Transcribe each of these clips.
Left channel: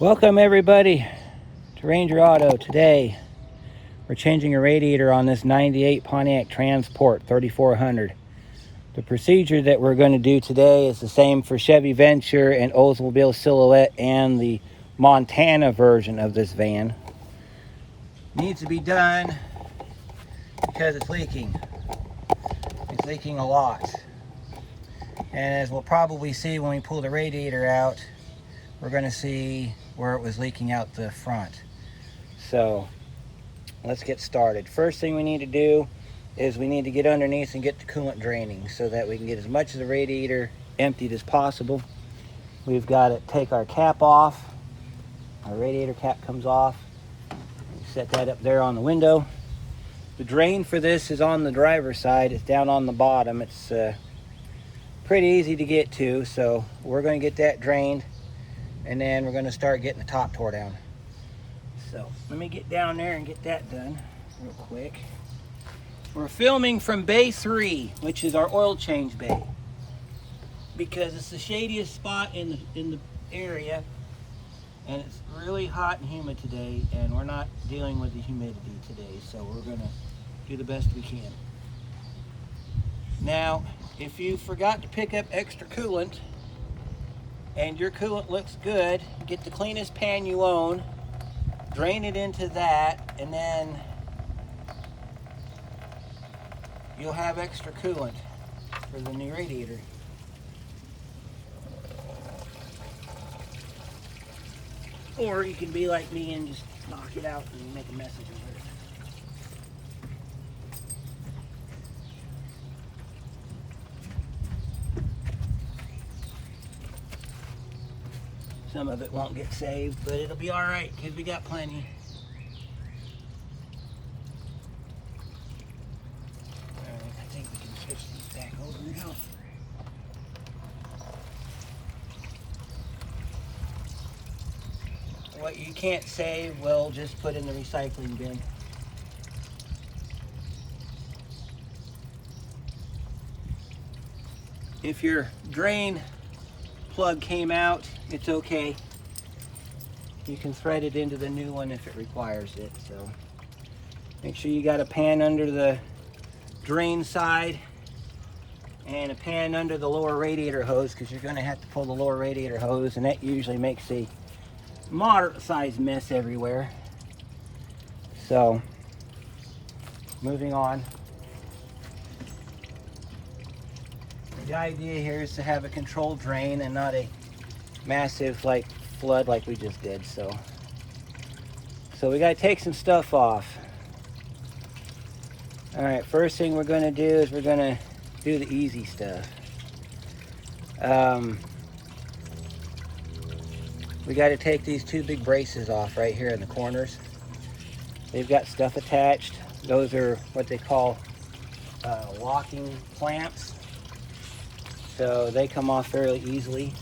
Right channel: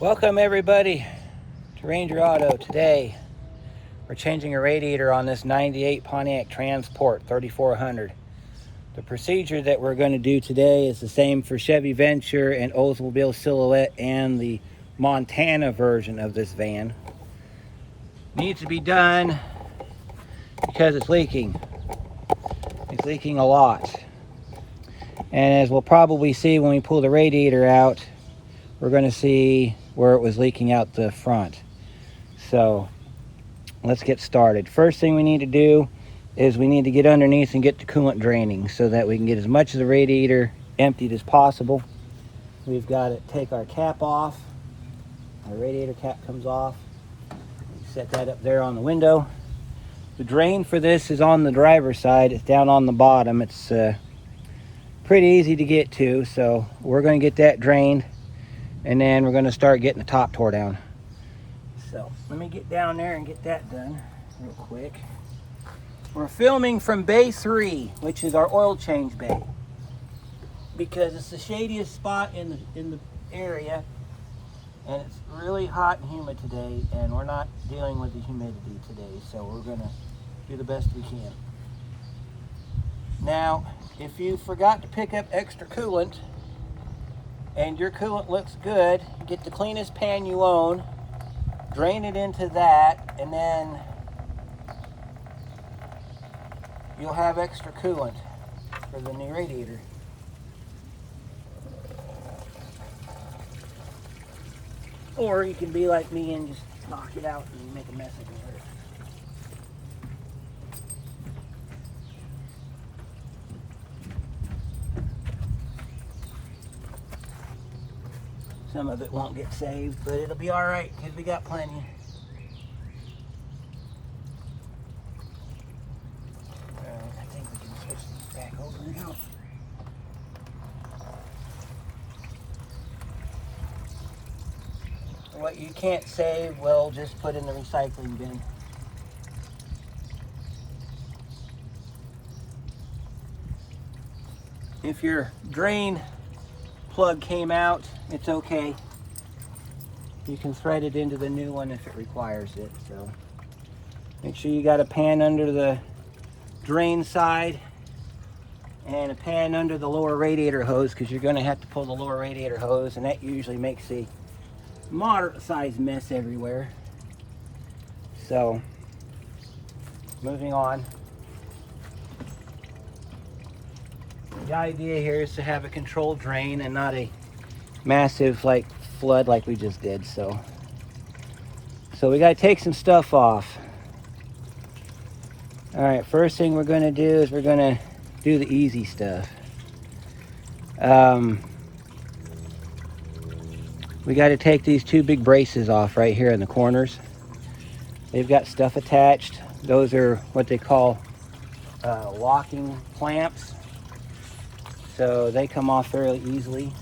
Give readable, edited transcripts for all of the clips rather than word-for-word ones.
Welcome everybody to Ranger Auto. Today we're changing a radiator on this 98 Pontiac Transport 3400. The procedure that we're going to do today is the same for Chevy Venture and Oldsmobile Silhouette and the Montana version of this van. Needs to be done because it's leaking. It's leaking a lot. And as we'll probably see when we pull the radiator out, we're going to see where it was leaking out the front. So let's get started. First thing we need to do is we need to get underneath and get the coolant draining so that we can get as much of the radiator emptied as possible. We've got to take our cap off. Our radiator cap comes off. We set that up there on the window. The drain for this is on the driver's side. It's down on the bottom. It's pretty easy to get to, so we're going to get that drained, and then we're going to start getting the top tore down. So let me get down there and get that done real quick. We're filming from bay 3, which is our oil change bay, because it's the shadiest spot in the area, and it's really hot and humid today, and we're not dealing with the humidity today, so we're going to do the best we can. Now, if you forgot to pick up extra coolant and your coolant looks good, get the cleanest pan you own, drain it into that, and then you'll have extra coolant for the new radiator. Or you can be like me and just knock it out and make a mess of it. Some of it won't get saved, but it'll be all right because we got plenty. I think we can switch these back over now. What you can't save, we'll just put in the recycling bin. If your drain plug came out, it's okay. You can thread it into the new one if it requires it. So make sure you got a pan under the drain side and a pan under the lower radiator hose, because you're going to have to pull the lower radiator hose, and that usually makes a moderate sized mess everywhere. So moving on. The idea here is to have a controlled drain and not a massive flood like we just did. So we got to take some stuff off. All right, first thing we're going to do is we're going to do the easy stuff. We got to take these two big braces off right here in the corners. They've got stuff attached. Those are what they call locking clamps. So they come off fairly easily.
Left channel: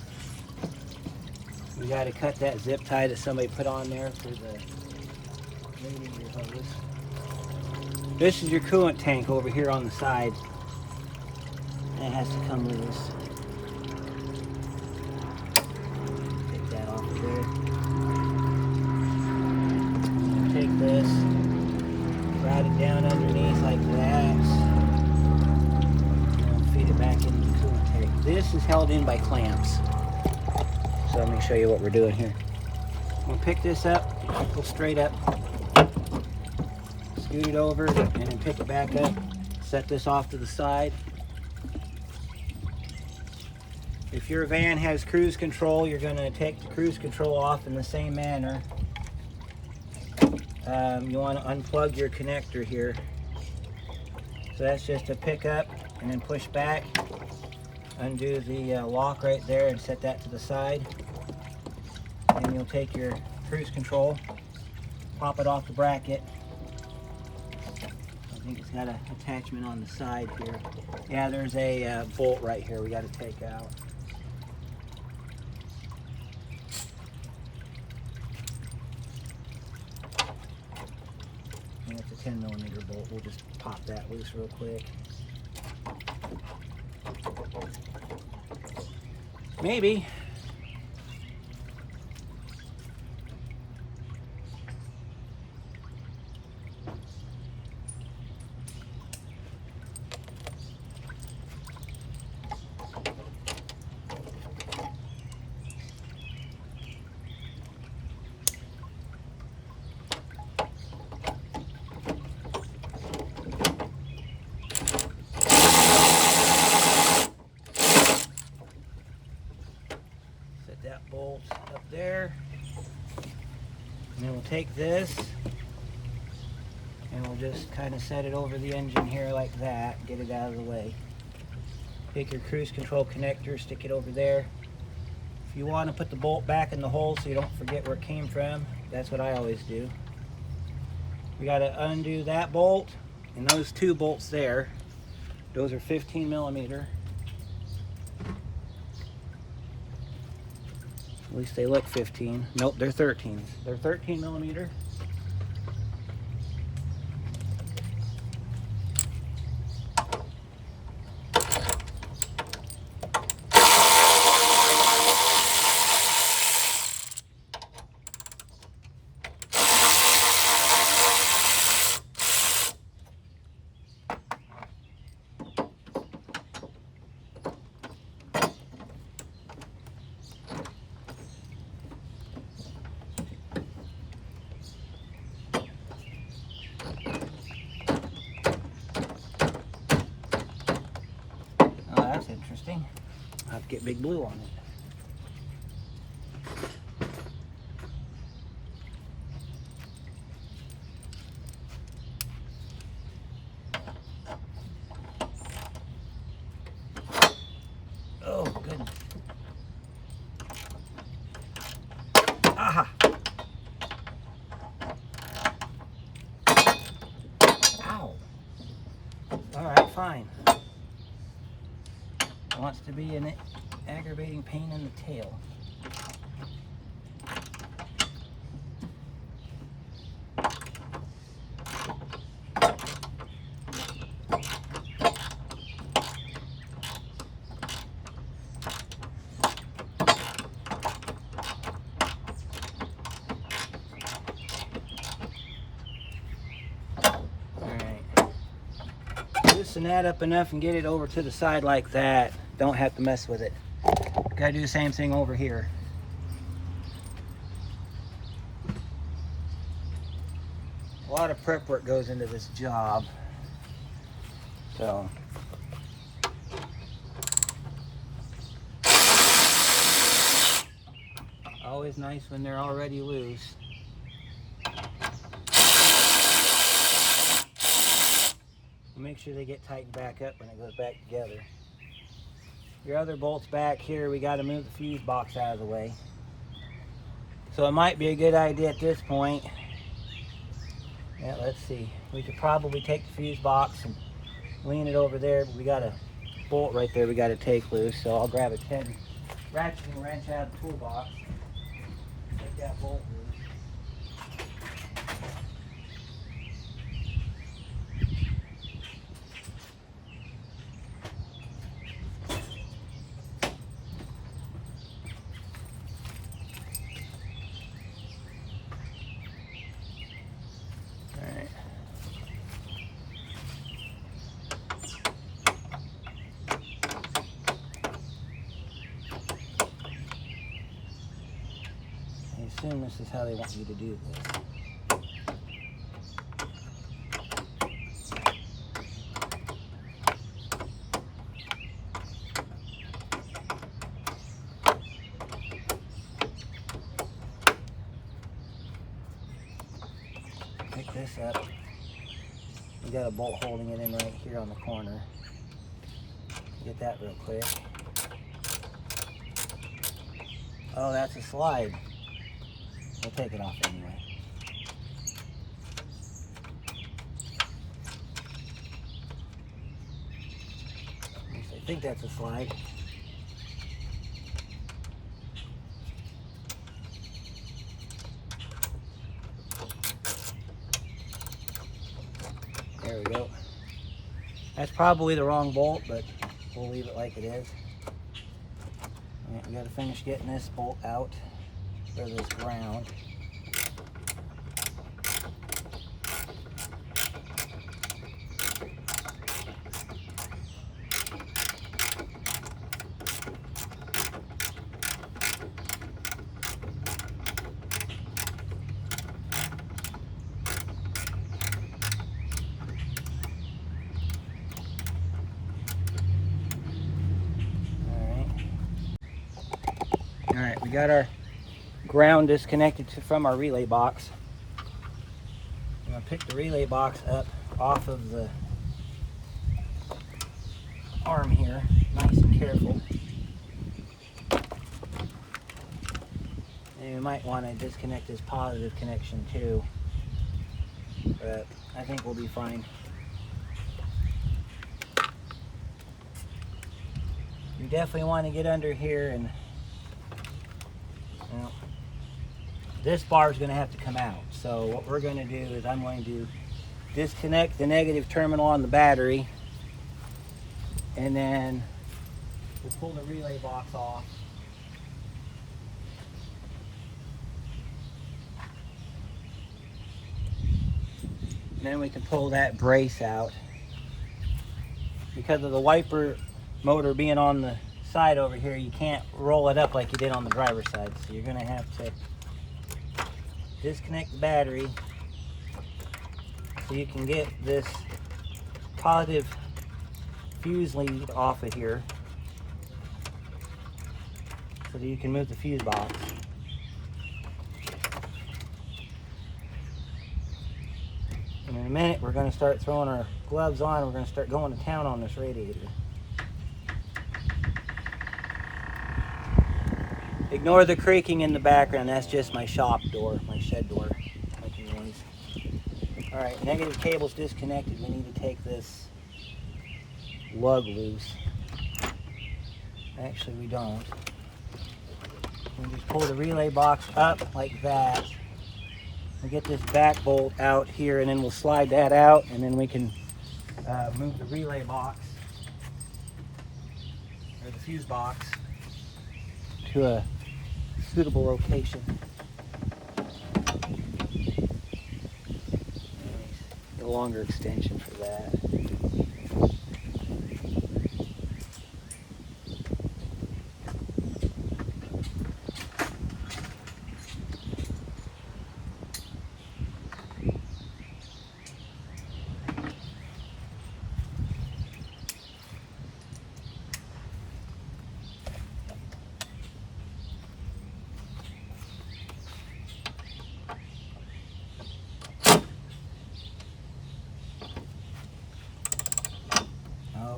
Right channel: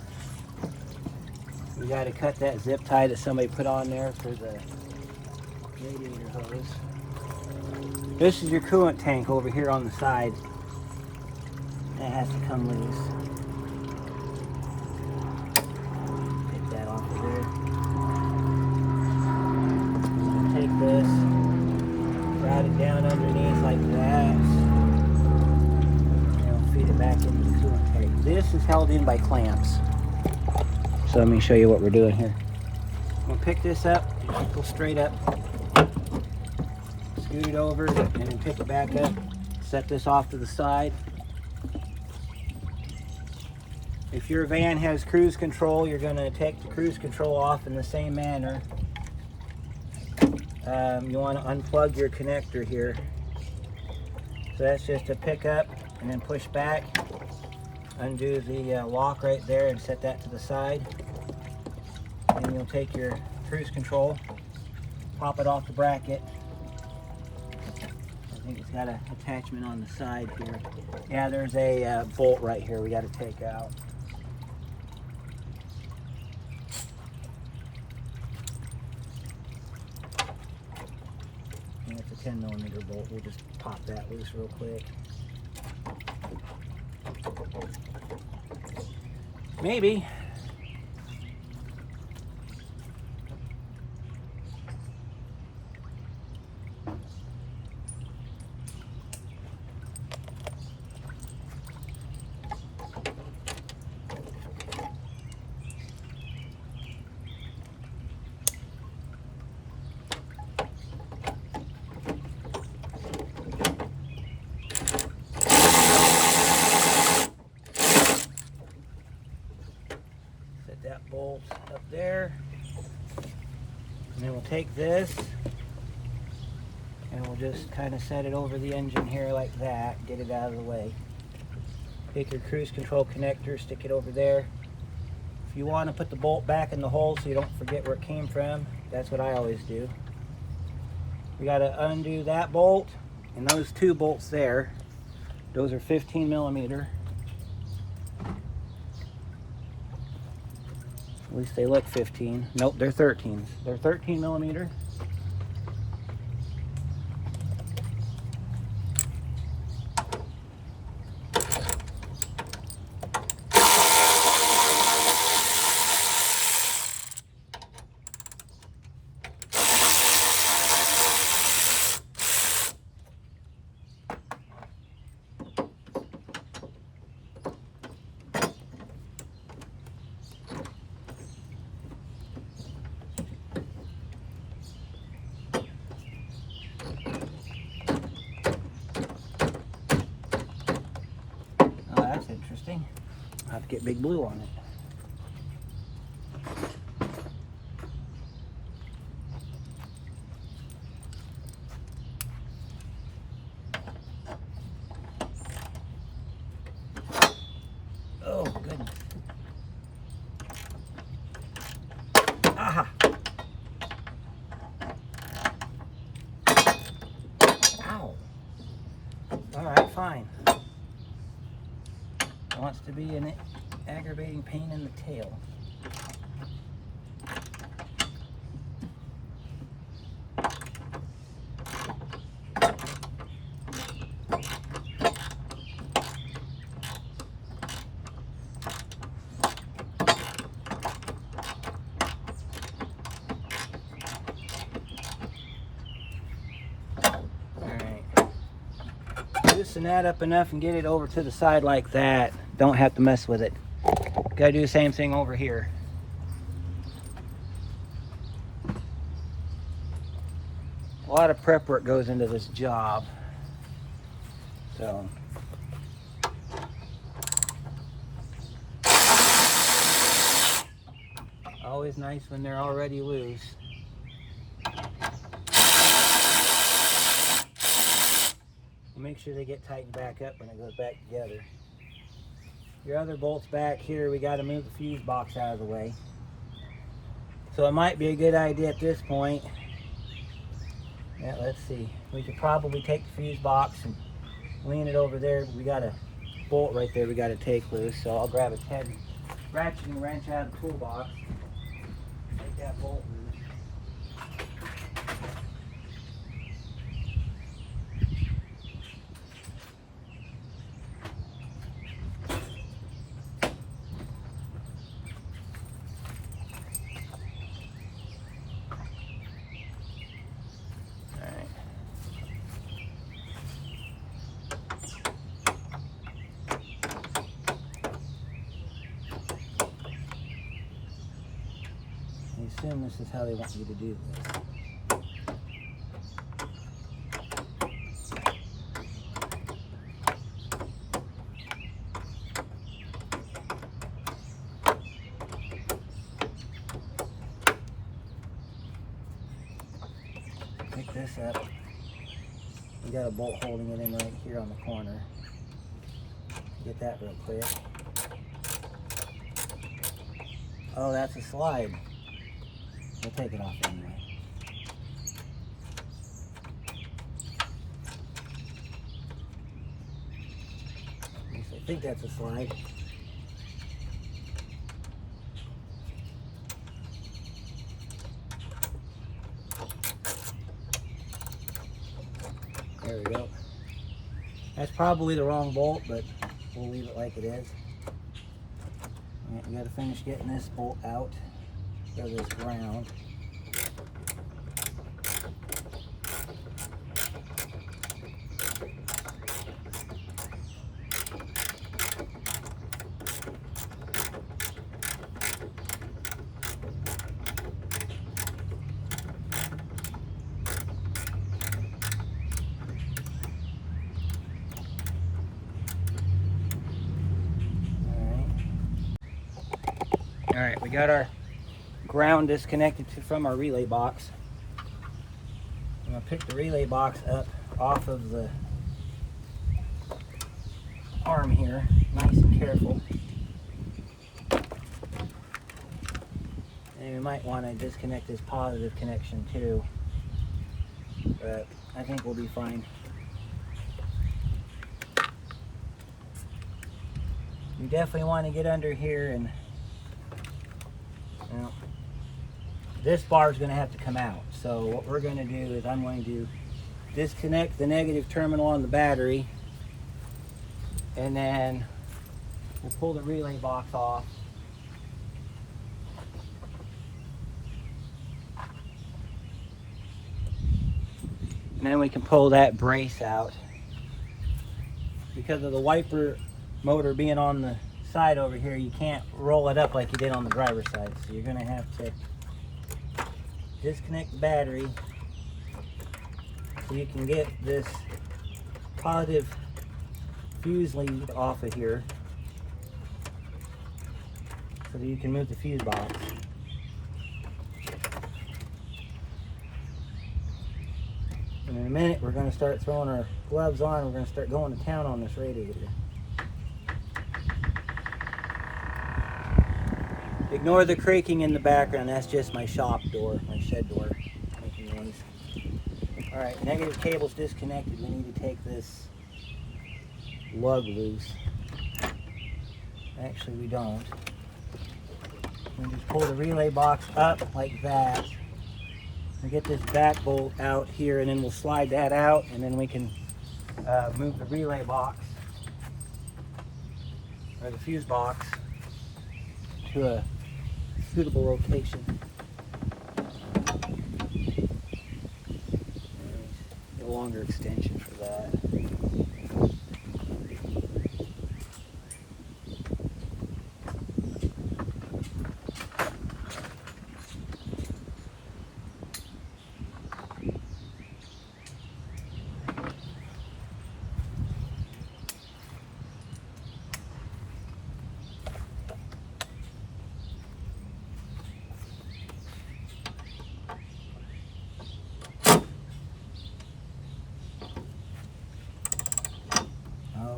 We got to cut that zip tie that somebody put on there for the radiator hose. This is your coolant tank over here on the side. That has to come loose. Take that off of there. And take this, route it down underneath like that. Feed it back into the coolant tank. This is held in by clamps. So let me show you what we're doing here. I'm going to pick this up, go straight up, scoot it over, and then pick it back up, set this off to the side. If your van has cruise control, you're going to take the cruise control off in the same manner. You want to unplug your connector here. So that's just a pick up and then push back, undo the lock right there and set that to the side. And you'll take your cruise control, pop it off the bracket. I think it's got an attachment on the side here. Yeah, there's a bolt right here we got to take out. And it's a 10mm bolt. We'll just pop that loose real quick. Maybe there. And then we'll take this and we'll just kind of set it over the engine here like that, get it out of the way. Take your cruise control connector, stick it over there. If you want to put the bolt back in the hole so you don't forget where it came from, that's what I always do. We got to undo that bolt and those two bolts there. Those are 15 millimeter. At least they look 15. Nope, they're 13. They're 13 millimeter. That's interesting. I'll have to get Big Blue on it. Oh, goodness. Aha! Ow! Alright, fine. Wants to be an aggravating pain in the tail. Alright. Loosen that up enough and get it over to the side like that. Don't have to mess with it. Gotta do the same thing over here. A lot of prep work goes into this job. So always nice when they're already loose. Make sure they get tightened back up when it goes back together. Your other bolts back here, we got to move the fuse box out of the way. So it might be a good idea at this point. Yeah, let's see. We could probably take the fuse box and lean it over there, but we got a bolt right there we got to take loose. So I'll grab a 10 ratcheting wrench out of the toolbox. Take that bolt loose. I assume this is how they want you to do this. Pick this up. We got a bolt holding it in right here on the corner. Get that real quick. Oh, that's a slide. We'll take it off anyway. At least I think that's a slide. There we go. That's probably the wrong bolt, but we'll leave it like it is. All right, we got to finish getting this bolt out for this ground. All right, we got our ground disconnected from our relay box. I'm going to pick the relay box up off of the arm here, nice and careful. And you might want to disconnect this positive connection too, but I think we'll be fine. You definitely want to get under here, and well, this bar is going to have to come out. So what we're going to do is I'm going to disconnect the negative terminal on the battery, and then we'll pull the relay box off. And then we can pull that brace out. Because of the wiper motor being on the side over here, you can't roll it up like you did on the driver's side. So you're going to have to disconnect the battery so you can get this positive fuse lead off of here so that you can move the fuse box. And in a minute we're going to start throwing our gloves on. We're going to start going to town on this radiator. Ignore the creaking in the background. That's just my shop door, my shed door making noise. Alright, negative cable's disconnected. We need to take this lug loose. Actually, we don't. We just pull the relay box up like that. And get this back bolt out here, and then we'll slide that out, and then we can move the relay box, or the fuse box, to a suitable location. Get a longer extension for that.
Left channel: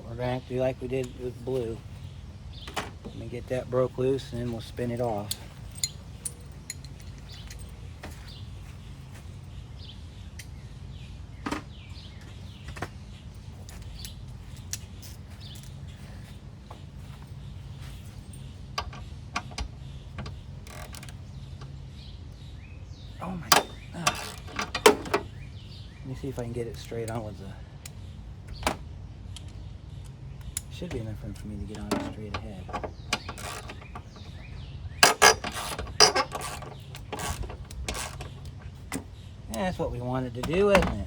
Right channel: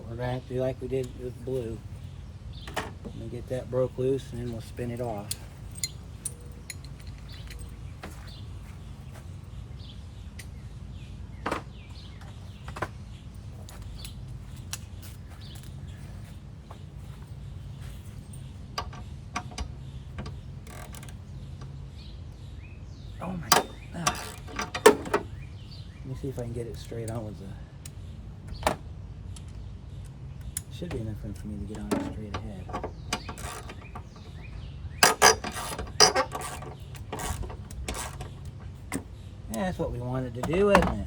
We're going to have to do like we did with blue. Let me get that broke loose, and then we'll spin it off. Oh my God. Let me see if I can get it straight on with the... Should be enough room for me to get on it straight ahead. Yeah, that's what we wanted to do, isn't it?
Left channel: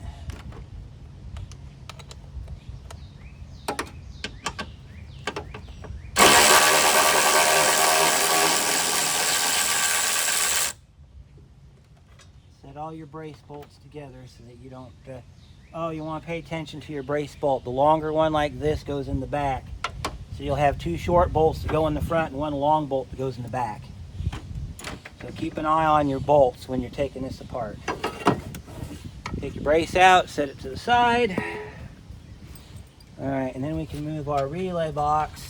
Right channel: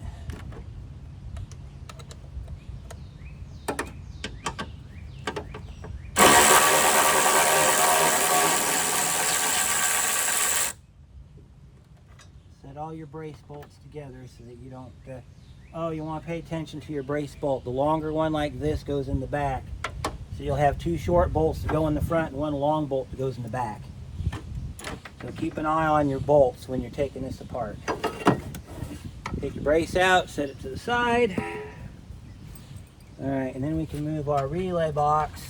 Set all your brace bolts together so that you don't oh, you want to pay attention to your brace bolt. The longer one like this goes in the back. So you'll have two short bolts to go in the front and one long bolt that goes in the back. So keep an eye on your bolts when you're taking this apart. Take your brace out, set it to the side. Alright, and then we can move our relay box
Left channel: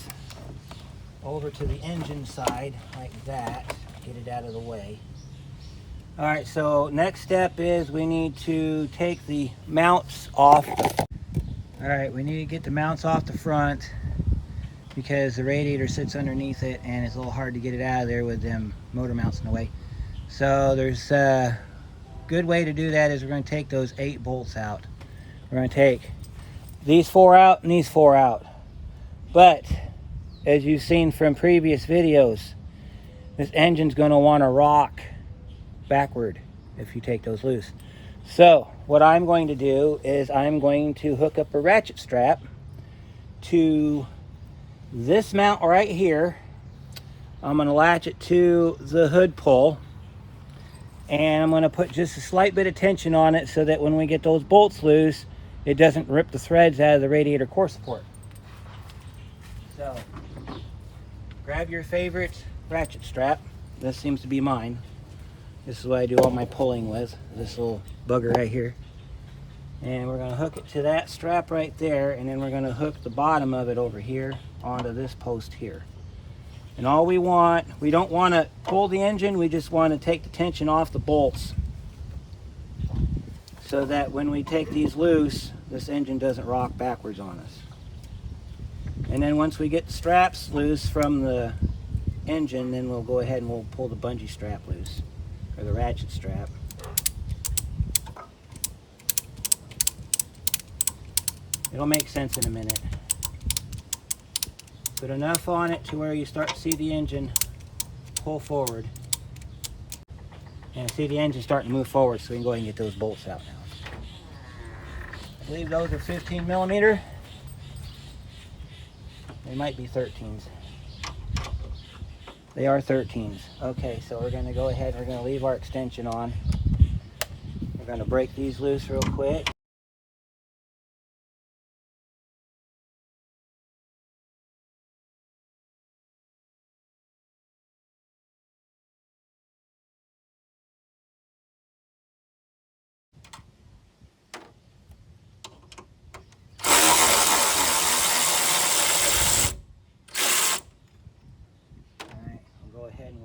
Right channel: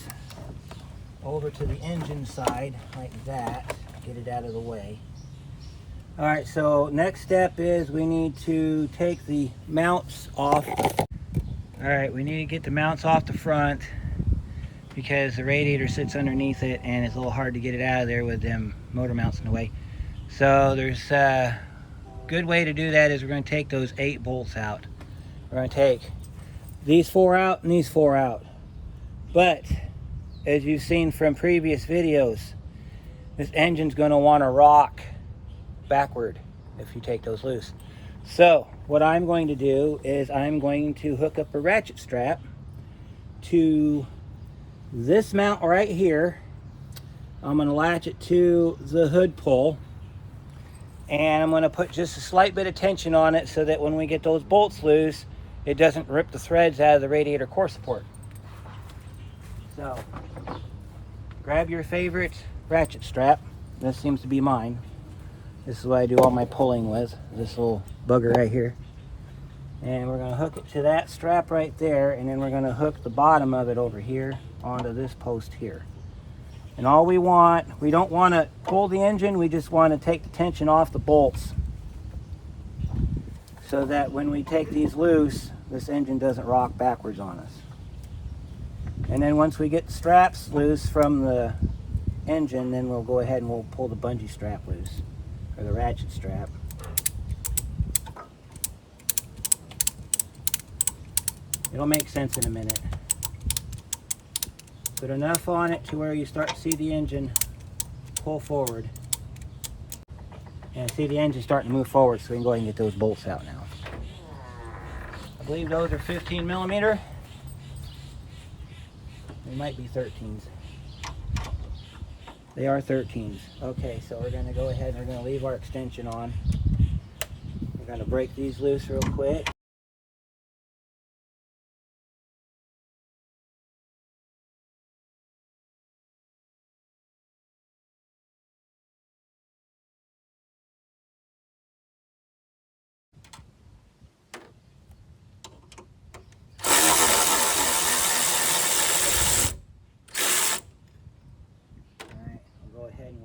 over to the engine side like that. Get it out of the way. Alright, so next step is we need to take the mounts off. Alright, we need to get the mounts off the front because the radiator sits underneath it and it's a little hard to get it out of there with them motor mounts in the way. So there's a good way to do that is we're going to take those 8 bolts out. We're going to take these 4 out and these 4 out. But as you've seen from previous videos, this engine's going to want to rock backward if you take those loose. So what I'm going to do is I'm going to hook up a ratchet strap to this mount right here. I'm going to latch it to the hood pull, and I'm going to put just a slight bit of tension on it so that when we get those bolts loose, it doesn't rip the threads out of the radiator core support. So grab your favorite ratchet strap. This seems to be mine. This is what I do all my pulling with, this little bugger right here. And we're going to hook it to that strap right there, and then we're going to hook the bottom of it over here onto this post here. And all we don't want to pull the engine, we just want to take the tension off the bolts so that when we take these loose, this engine doesn't rock backwards on us. And then once we get the straps loose from the engine, then we'll go ahead and we'll pull the bungee strap loose, or the ratchet strap. It'll make sense in a minute. Put enough on it to where you start to see the engine pull forward. And see the engine starting to move forward, so we can go ahead and get those bolts out now. I believe those are 15 millimeter. They might be 13s. They are 13s. Okay, so we're going to go ahead and we're going to leave our extension on. We're going to break these loose real quick. Go ahead and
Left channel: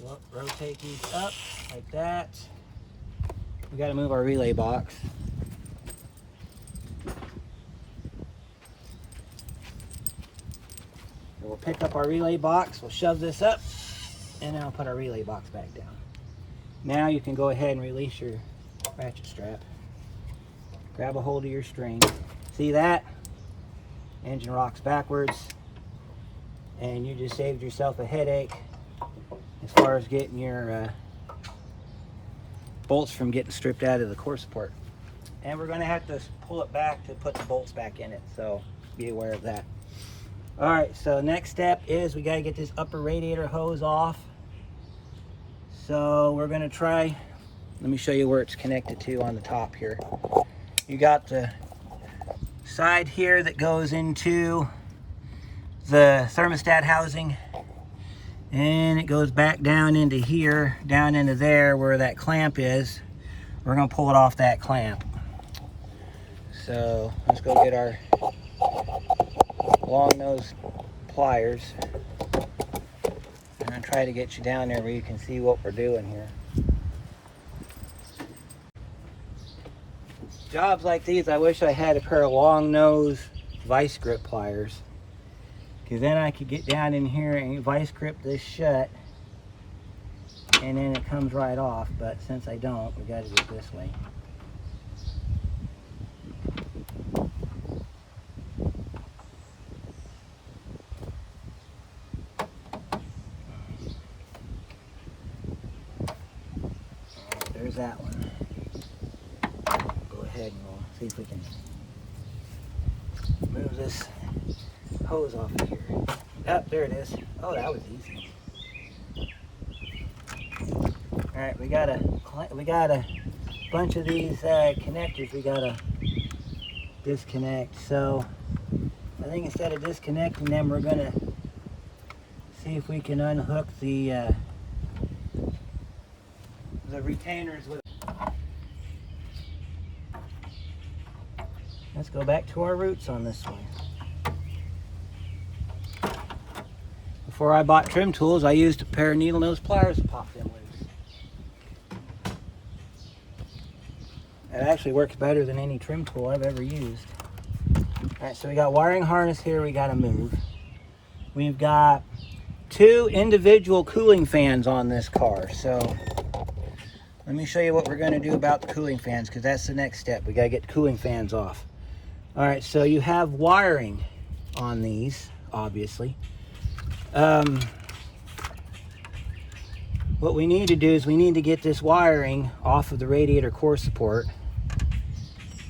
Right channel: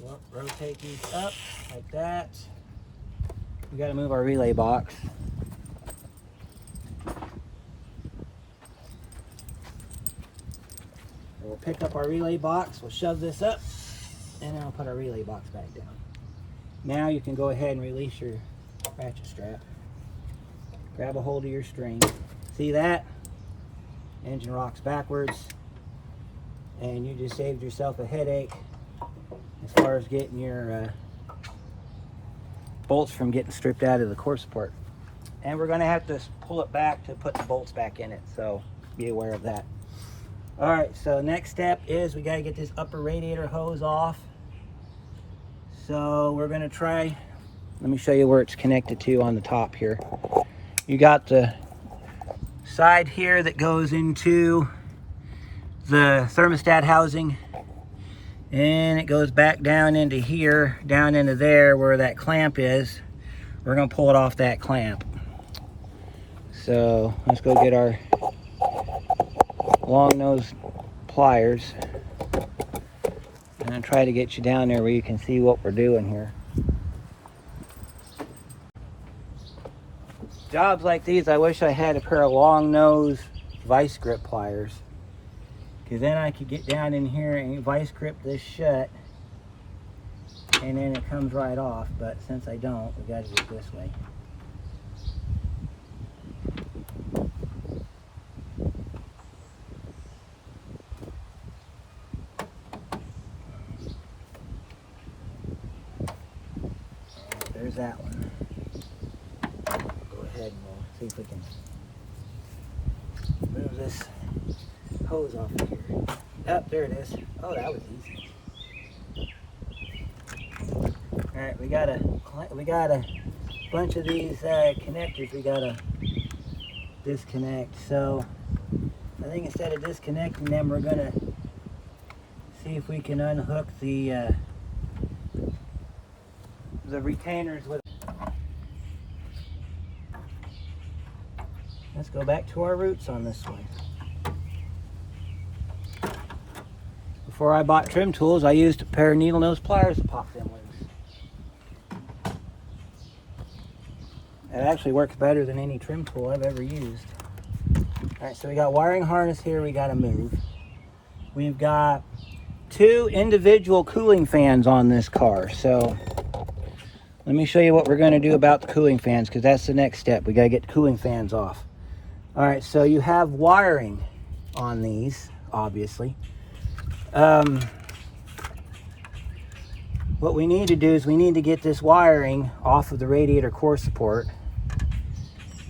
we'll rotate these up like that. We got to move our relay box. So we'll pick up our relay box, we'll shove this up, and then I'll put our relay box back down. Now you can go ahead and release your ratchet strap. Grab a hold of your string. See that? Engine rocks backwards. And you just saved yourself a headache as far as getting your bolts from getting stripped out of the core support. And we're going to have to pull it back to put the bolts back in it, so be aware of that. Alright, so next step is we got to get this upper radiator hose off. So we're going to try, let me show you where it's connected to on the top here. You got the side here that goes into the thermostat housing, and it goes back down into here, down into there where that clamp is. We're going to pull it off that clamp. So let's go get our long nose pliers, and I'll try to get you down there where you can see what we're doing here. Jobs like these, I wish I had a pair of long nose vice grip pliers, because then I could get down in here and vice grip this shut, and then it comes right off. But since I don't, we got to do it this way. There's that one. Go ahead and we'll see if we can move this hose off of here. Oh, there it is. Oh, that was easy. All right, we got a bunch of these connectors we gotta disconnect. So I think instead of disconnecting them, we're gonna see if we can unhook the retainers with. Let's go back to our roots on this one. Before I bought trim tools, I used a pair of needle nose pliers to pop them loose. It actually works better than any trim tool I've ever used. Alright, so we got wiring harness here we gotta move. We've got 2 individual cooling fans on this car. So let me show you what we're gonna do about the cooling fans, because that's the next step. We gotta get the cooling fans off. Alright, so you have wiring on these, obviously. What we need to do is we need to get this wiring off of the radiator core support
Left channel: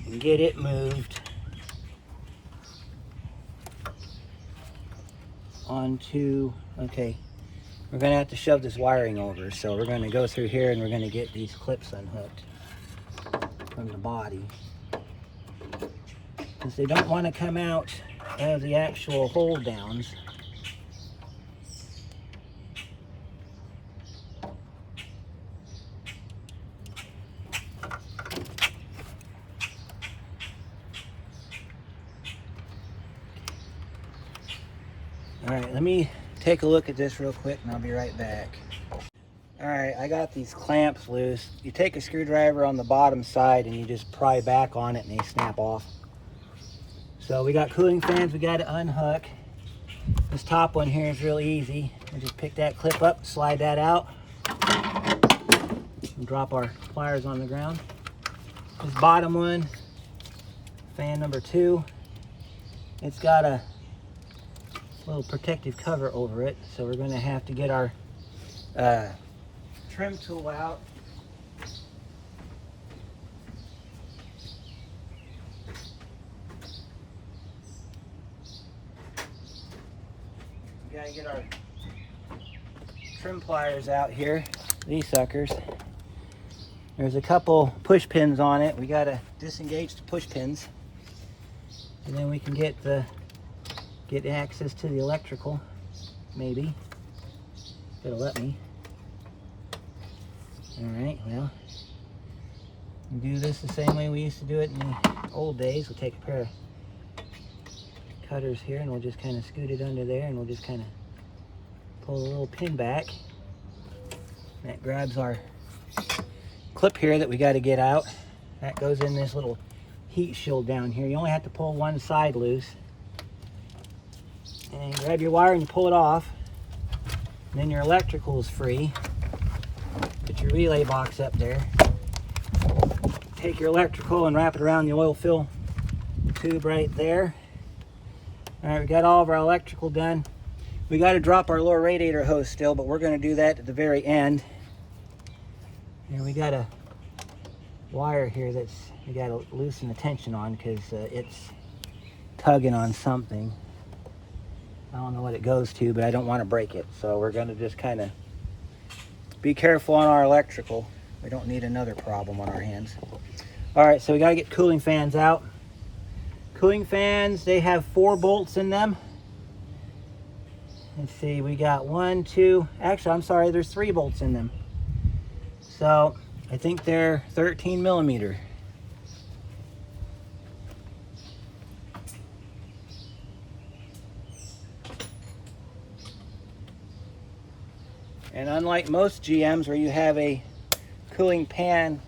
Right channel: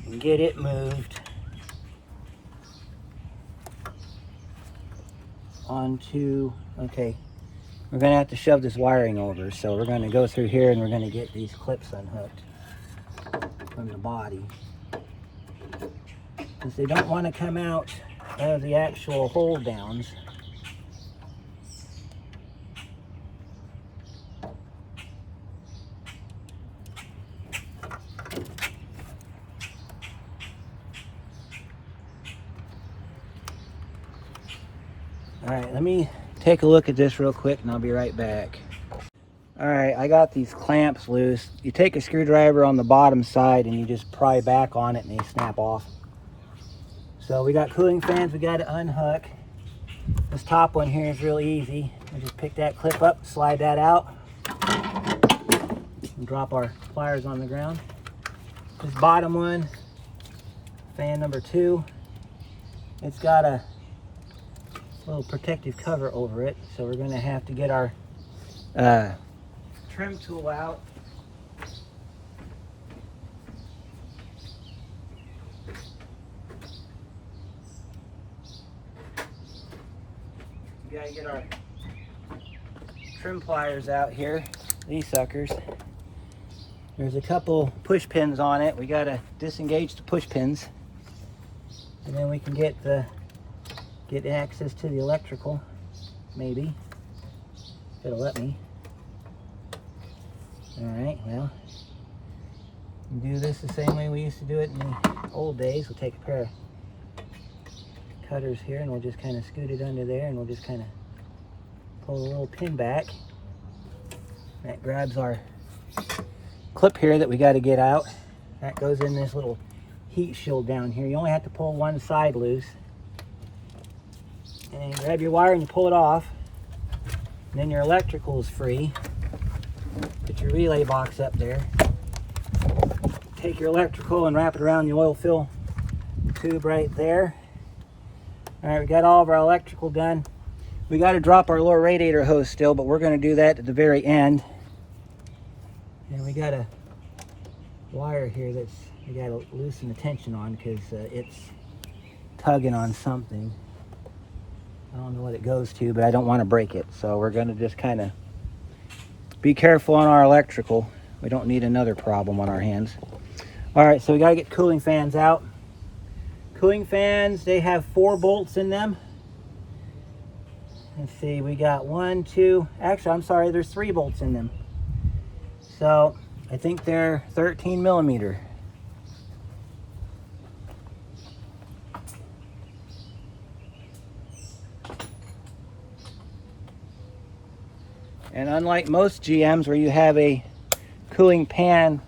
and get it moved onto, okay, we're going to have to shove this wiring over. So we're going to go through here and we're going to get these clips unhooked from the body, because they don't want to come out of the actual hold downs. Alright, let me take a look at this real quick and I'll be right back. Alright, I got these clamps loose. You take a screwdriver on the bottom side and you just pry back on it and they snap off. So we got cooling fans we got to unhook. This top one here is real easy. I just pick that clip up, slide that out, and drop our pliers on the ground. This bottom one, fan number 2, it's got a little protective cover over it, so we're going to have to get our trim tool out. We got to get our trim pliers out here, these suckers. There's a couple push pins on it. We got to disengage the push pins, and then we can get access to the electrical, maybe. It'll let me. Alright, well, we do this the same way we used to do it in the old days. We'll take a pair of cutters here and we'll just kind of scoot it under there and we'll just kind of pull the little pin back. That grabs our clip here that we got to get out. That goes in this little heat shield down here. You only have to pull one side loose. And grab your wire and you pull it off. And then your electrical is free. Put your relay box up there. Take your electrical and wrap it around the oil fill tube right there. Alright, we got all of our electrical done. We got to drop our lower radiator hose still, but we're going to do that at the very end. And we got a wire here that's we got to loosen the tension on because it's tugging on something. I don't know what it goes to, but I don't want to break it. So we're going to just kind of be careful on our electrical. We don't need another problem on our hands. Alright, so we got to get cooling fans out. Cooling fans, they have 4 bolts in them. Let's see, we got 1, 2, actually I'm sorry, there's 3 bolts in them. So I think they're 13 millimeter. And unlike most GMs where you have a cooling fan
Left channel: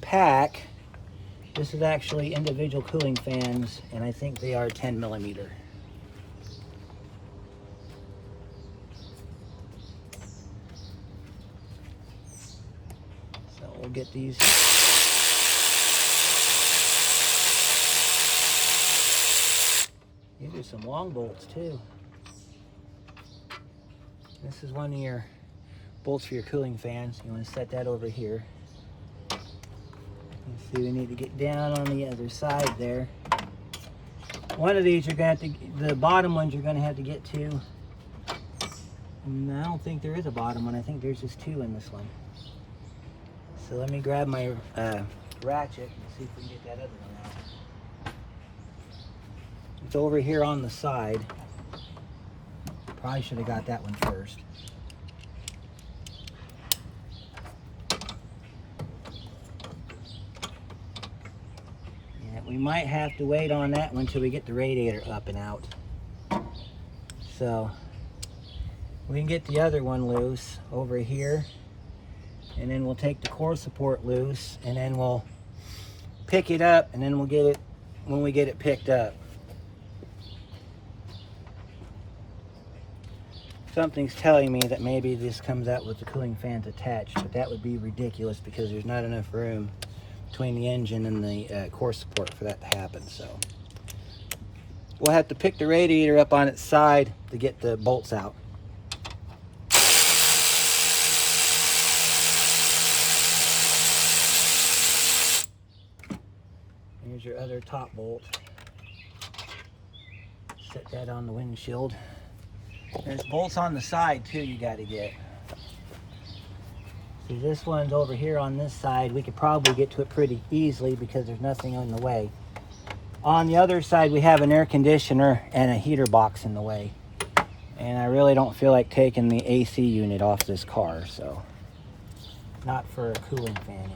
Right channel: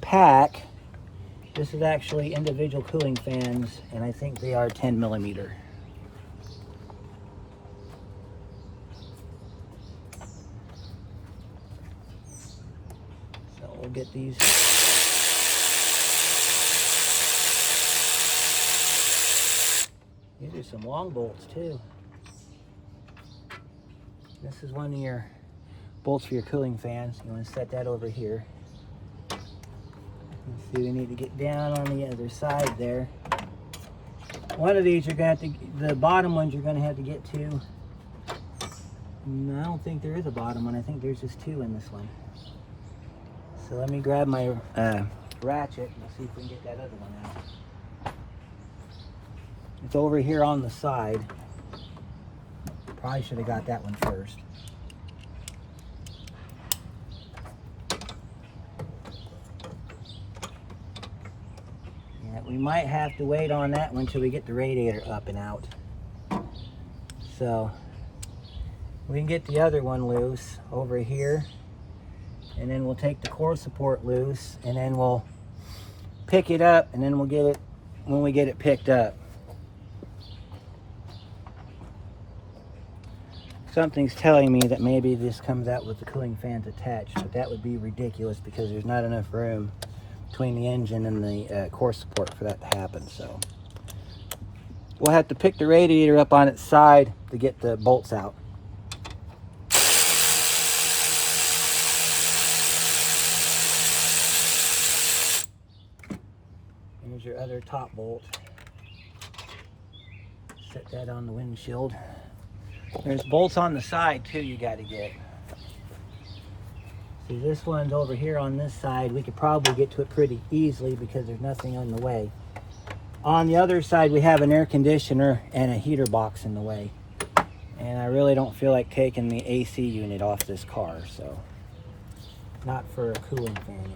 pack, this is actually individual cooling fans, and I think they are 10 millimeter. So we'll get these. These are some long bolts too. This is one of your bolts for your cooling fans. You want to set that over here. Let's see, we need to get down on the other side there. One of these you're going to have to, the bottom ones you're going to have to get to. And I don't think there is a bottom one. I think there's just 2 in this one. So let me grab my ratchet and see if we can get that other one out. It's over here on the side. Probably should have got that one first. Yeah, we might have to wait on that one till we get the radiator up and out. So we can get the other one loose over here, and then we'll take the core support loose, and then we'll pick it up, and then we'll get it when we get it picked up. Something's telling me that maybe this comes out with the cooling fans attached, but that would be ridiculous because there's not enough room between the engine and the core support for that to happen. So we'll have to pick the radiator up on its side to get the bolts out. Here's your other top bolt. Set that on the windshield. There's bolts on the side too you got to get. See, this one's over here on this side. We could probably get to it pretty easily because there's nothing in the way. On the other side we have an air conditioner and a heater box in the way. And I really don't feel like taking the AC unit off this car, so not for a cooling fan anyway.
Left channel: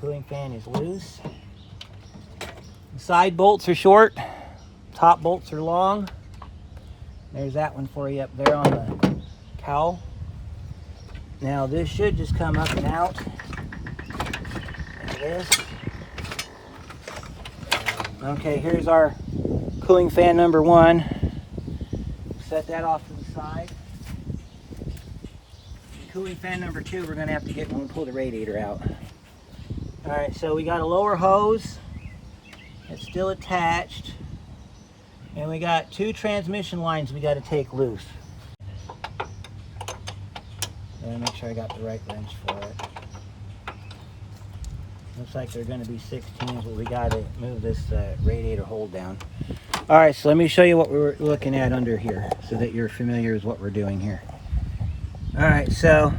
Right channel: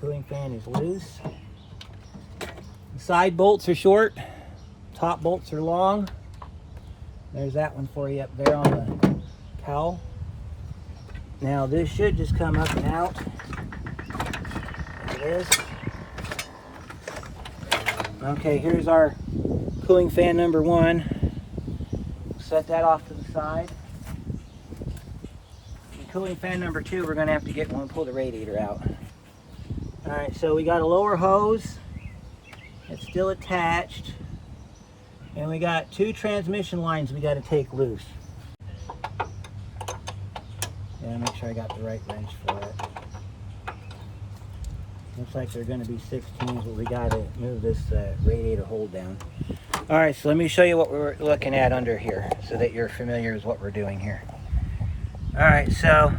Cooling fan is loose. The side bolts are short. Top bolts are long. There's that one for you up there on the cowl. Now this should just come up and out. There it is. Okay, here's our cooling fan number 1. Set that off to the side. Cooling fan number 2, we're going to have to get when we pull the radiator out. Alright, so we got a lower hose. It's still attached. And we got 2 transmission lines we got to take loose. And make sure I got the right wrench for it. Looks like they're going to be 16s, but we got to move this radiator hold down. Alright, so let me show you what we're looking at under here so that you're familiar with what we're doing here. Alright, so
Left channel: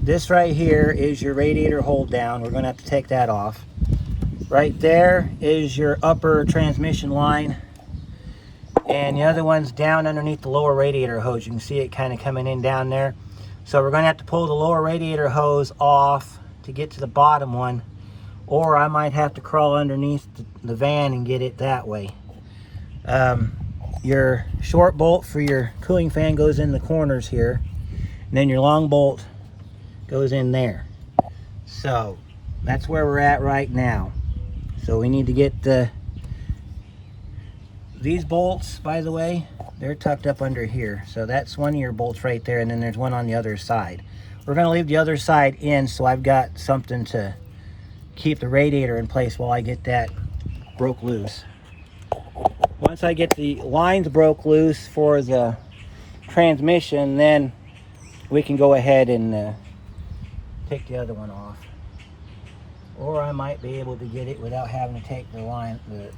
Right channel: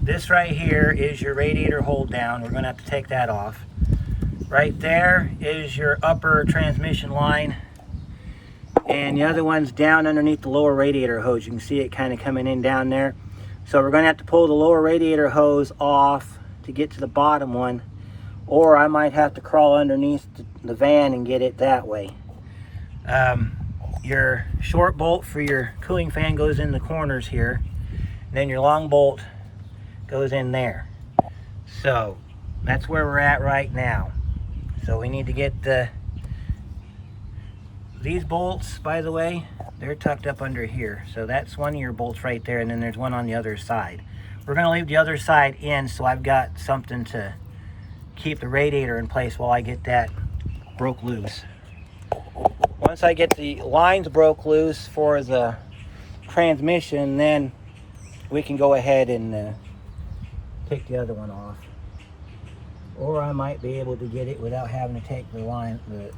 this right here is your radiator hold down. We're going to have to take that off. Right there is your upper transmission line. And the other one's down underneath the lower radiator hose. You can see it kind of coming in down there. So we're going to have to pull the lower radiator hose off to get to the bottom one. Or I might have to crawl underneath the van and get it that way. Your short bolt for your cooling fan goes in the corners here. And then your long bolt goes in there. So that's where we're at right now. So we need to get these bolts, by the way, they're tucked up under here. So that's one of your bolts right there, and then there's one on the other side. We're going to leave the other side in so I've got something to keep the radiator in place while I get that broke loose. Once I get the lines broke loose for the transmission, then we can go ahead and take the other one off. Or I might be able to get it without having to take the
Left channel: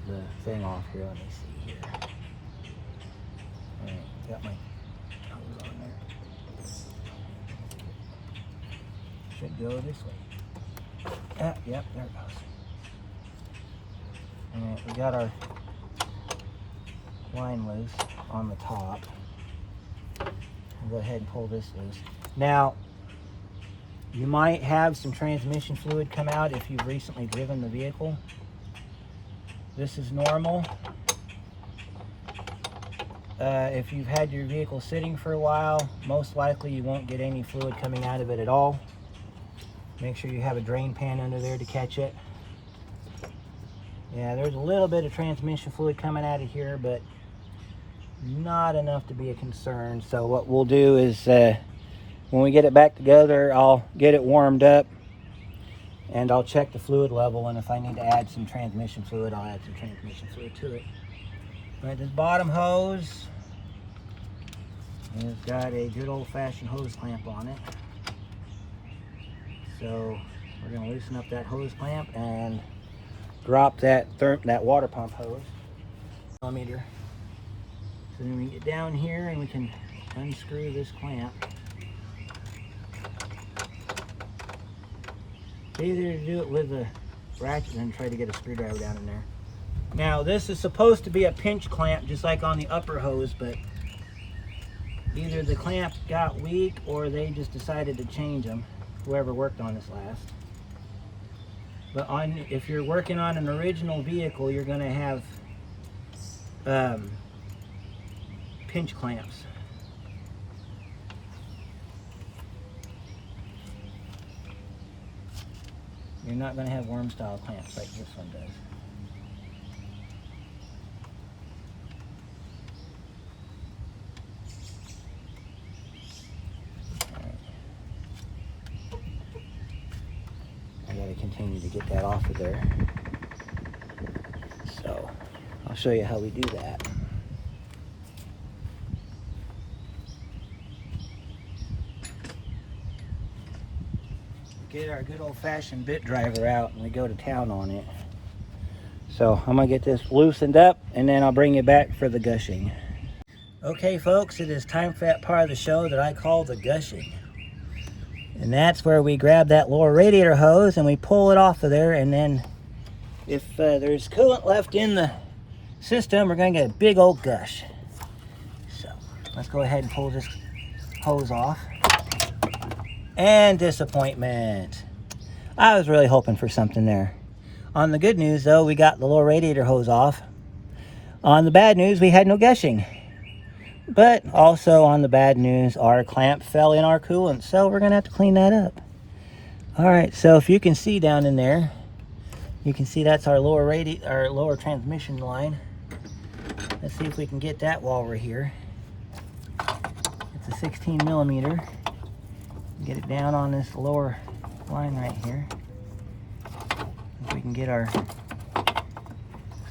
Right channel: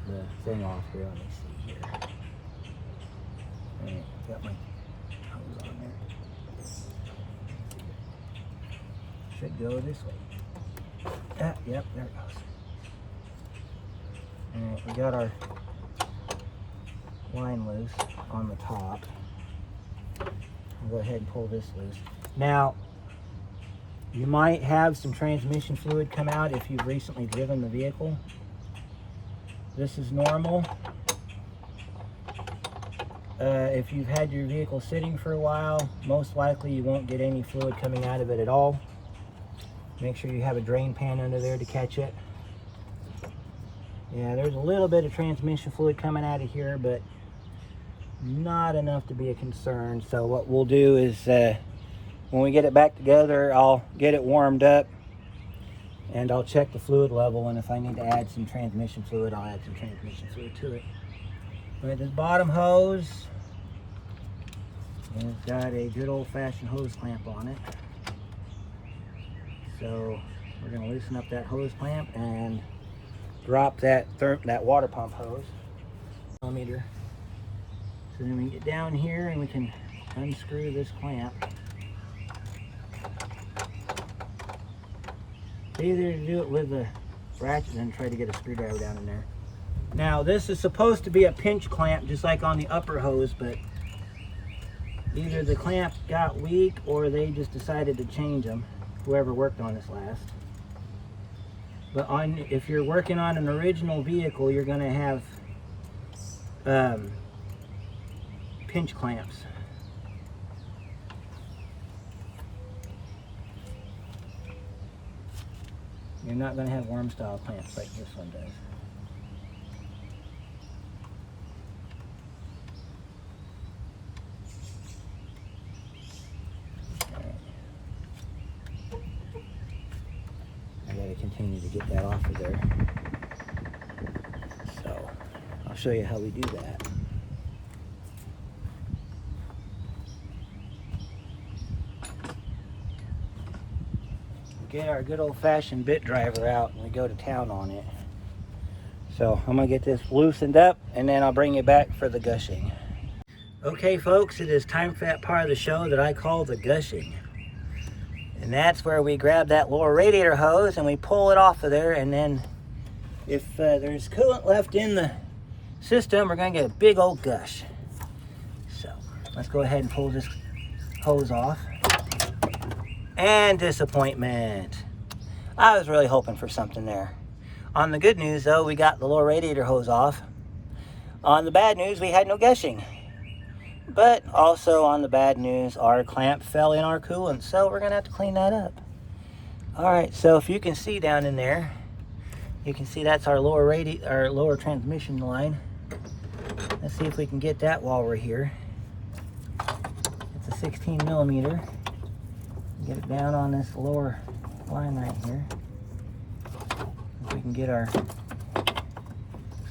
thing off here. Let me see here. All right, got my hose on there. Should go this way. Yep, there it goes. All right, we got our line loose on the top. I'll go ahead and pull this loose. Now, you might have some transmission fluid come out if you've recently driven the vehicle. This is normal. If you've had your vehicle sitting for a while, most likely you won't get any fluid coming out of it at all. Make sure you have a drain pan under there to catch it. Yeah, there's a little bit of transmission fluid coming out of here, but not enough to be a concern. So what we'll do is when we get it back together, I'll get it warmed up and I'll check the fluid level, and if I need to add some transmission fluid, I'll add some transmission fluid to it. All right, this bottom hose has got a good old-fashioned hose clamp on it. So we're going to loosen up that hose clamp and drop that water pump hose. Millimeter. So then we get down here and we can unscrew this clamp. It's easier to do it with a ratchet than try to get a screwdriver down in there. Now this is supposed to be a pinch clamp just like on the upper hose, but either the clamp got weak or they just decided to change them, whoever worked on this last. But if you're working on an original vehicle, you're going to have pinch clamps. You're not going to have worm style clamps like this one does. Alright. I got to continue to get that off of there. So I'll show you how we do that. Get our good old-fashioned bit driver out and we go to town on it. So I'm gonna get this loosened up and then I'll bring you back for the gushing. Okay folks, it is time for that part of the show that I call the gushing. And that's where we grab that lower radiator hose and we pull it off of there, and then if there's coolant left in the system, we're gonna get a big old gush. So let's go ahead and pull this hose off. And disappointment. I was really hoping for something there. On the good news though, we got the little radiator hose off. On the bad news, we had no gushing. But also on the bad news, our clamp fell in our coolant, so we're gonna have to clean that up. All right, so if you can see down in there, you can see that's our lower transmission line. Let's see if we can get that while we're here. It's a 16 millimeter. Get it down on this lower line right here. If we can get our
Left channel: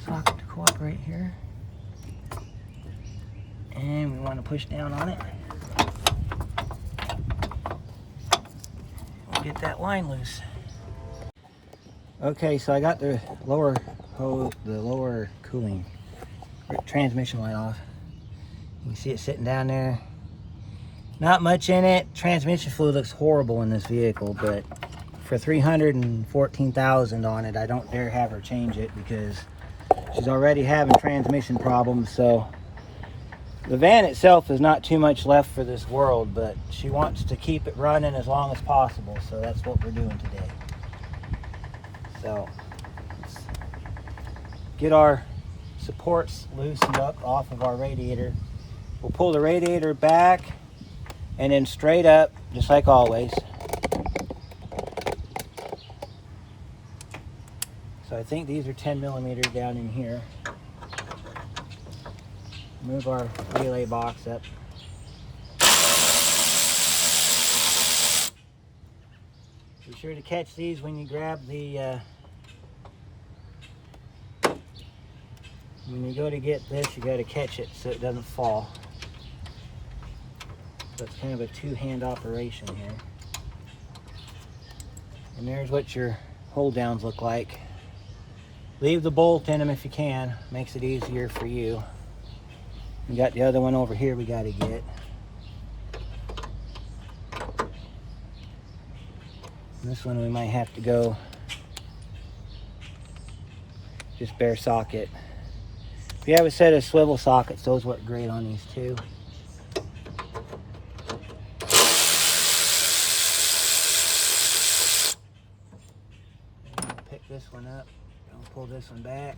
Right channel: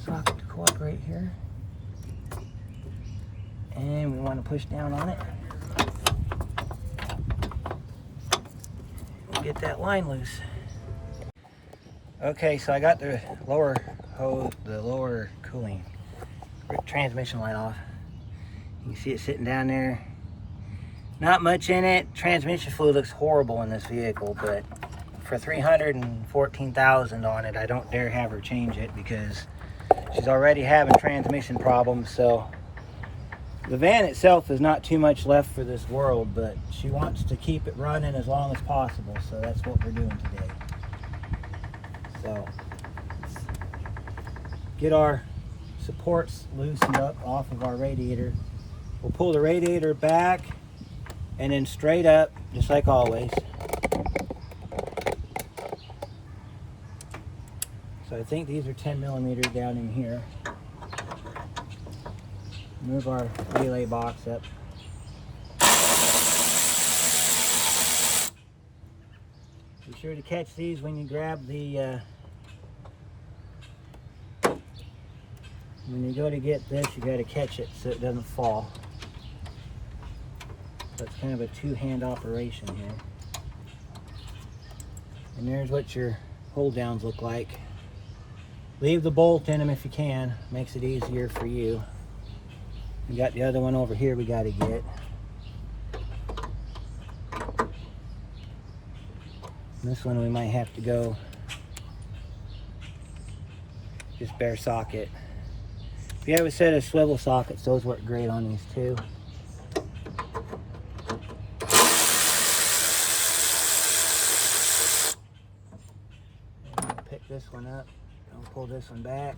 socket to cooperate here. And we want to push down on it. Get that line loose. Okay, so I got the lower cooling transmission line off. You can see it sitting down there. Not much in it. Transmission fluid looks horrible in this vehicle, but for $314,000 on it, I don't dare have her change it because she's already having transmission problems. So the van itself is not too much left for this world, but she wants to keep it running as long as possible, so that's what we're doing today. So let's get our supports loosened up off of our radiator. We'll pull the radiator back and then straight up, just like always. So I think these are 10 millimeters down in here. Move our relay box up. Be sure to catch these when you grab the when you go to get this, you got to catch it so it doesn't fall. So it's kind of a two-hand operation here. And there's what your hold downs look like. Leave the bolt in them if you can. Makes it easier for you. We got the other one over here we got to get. And this one we might have to go just bare socket. If you have a set of swivel sockets, those work great on these too. Pick this one up. I'll pull this one back.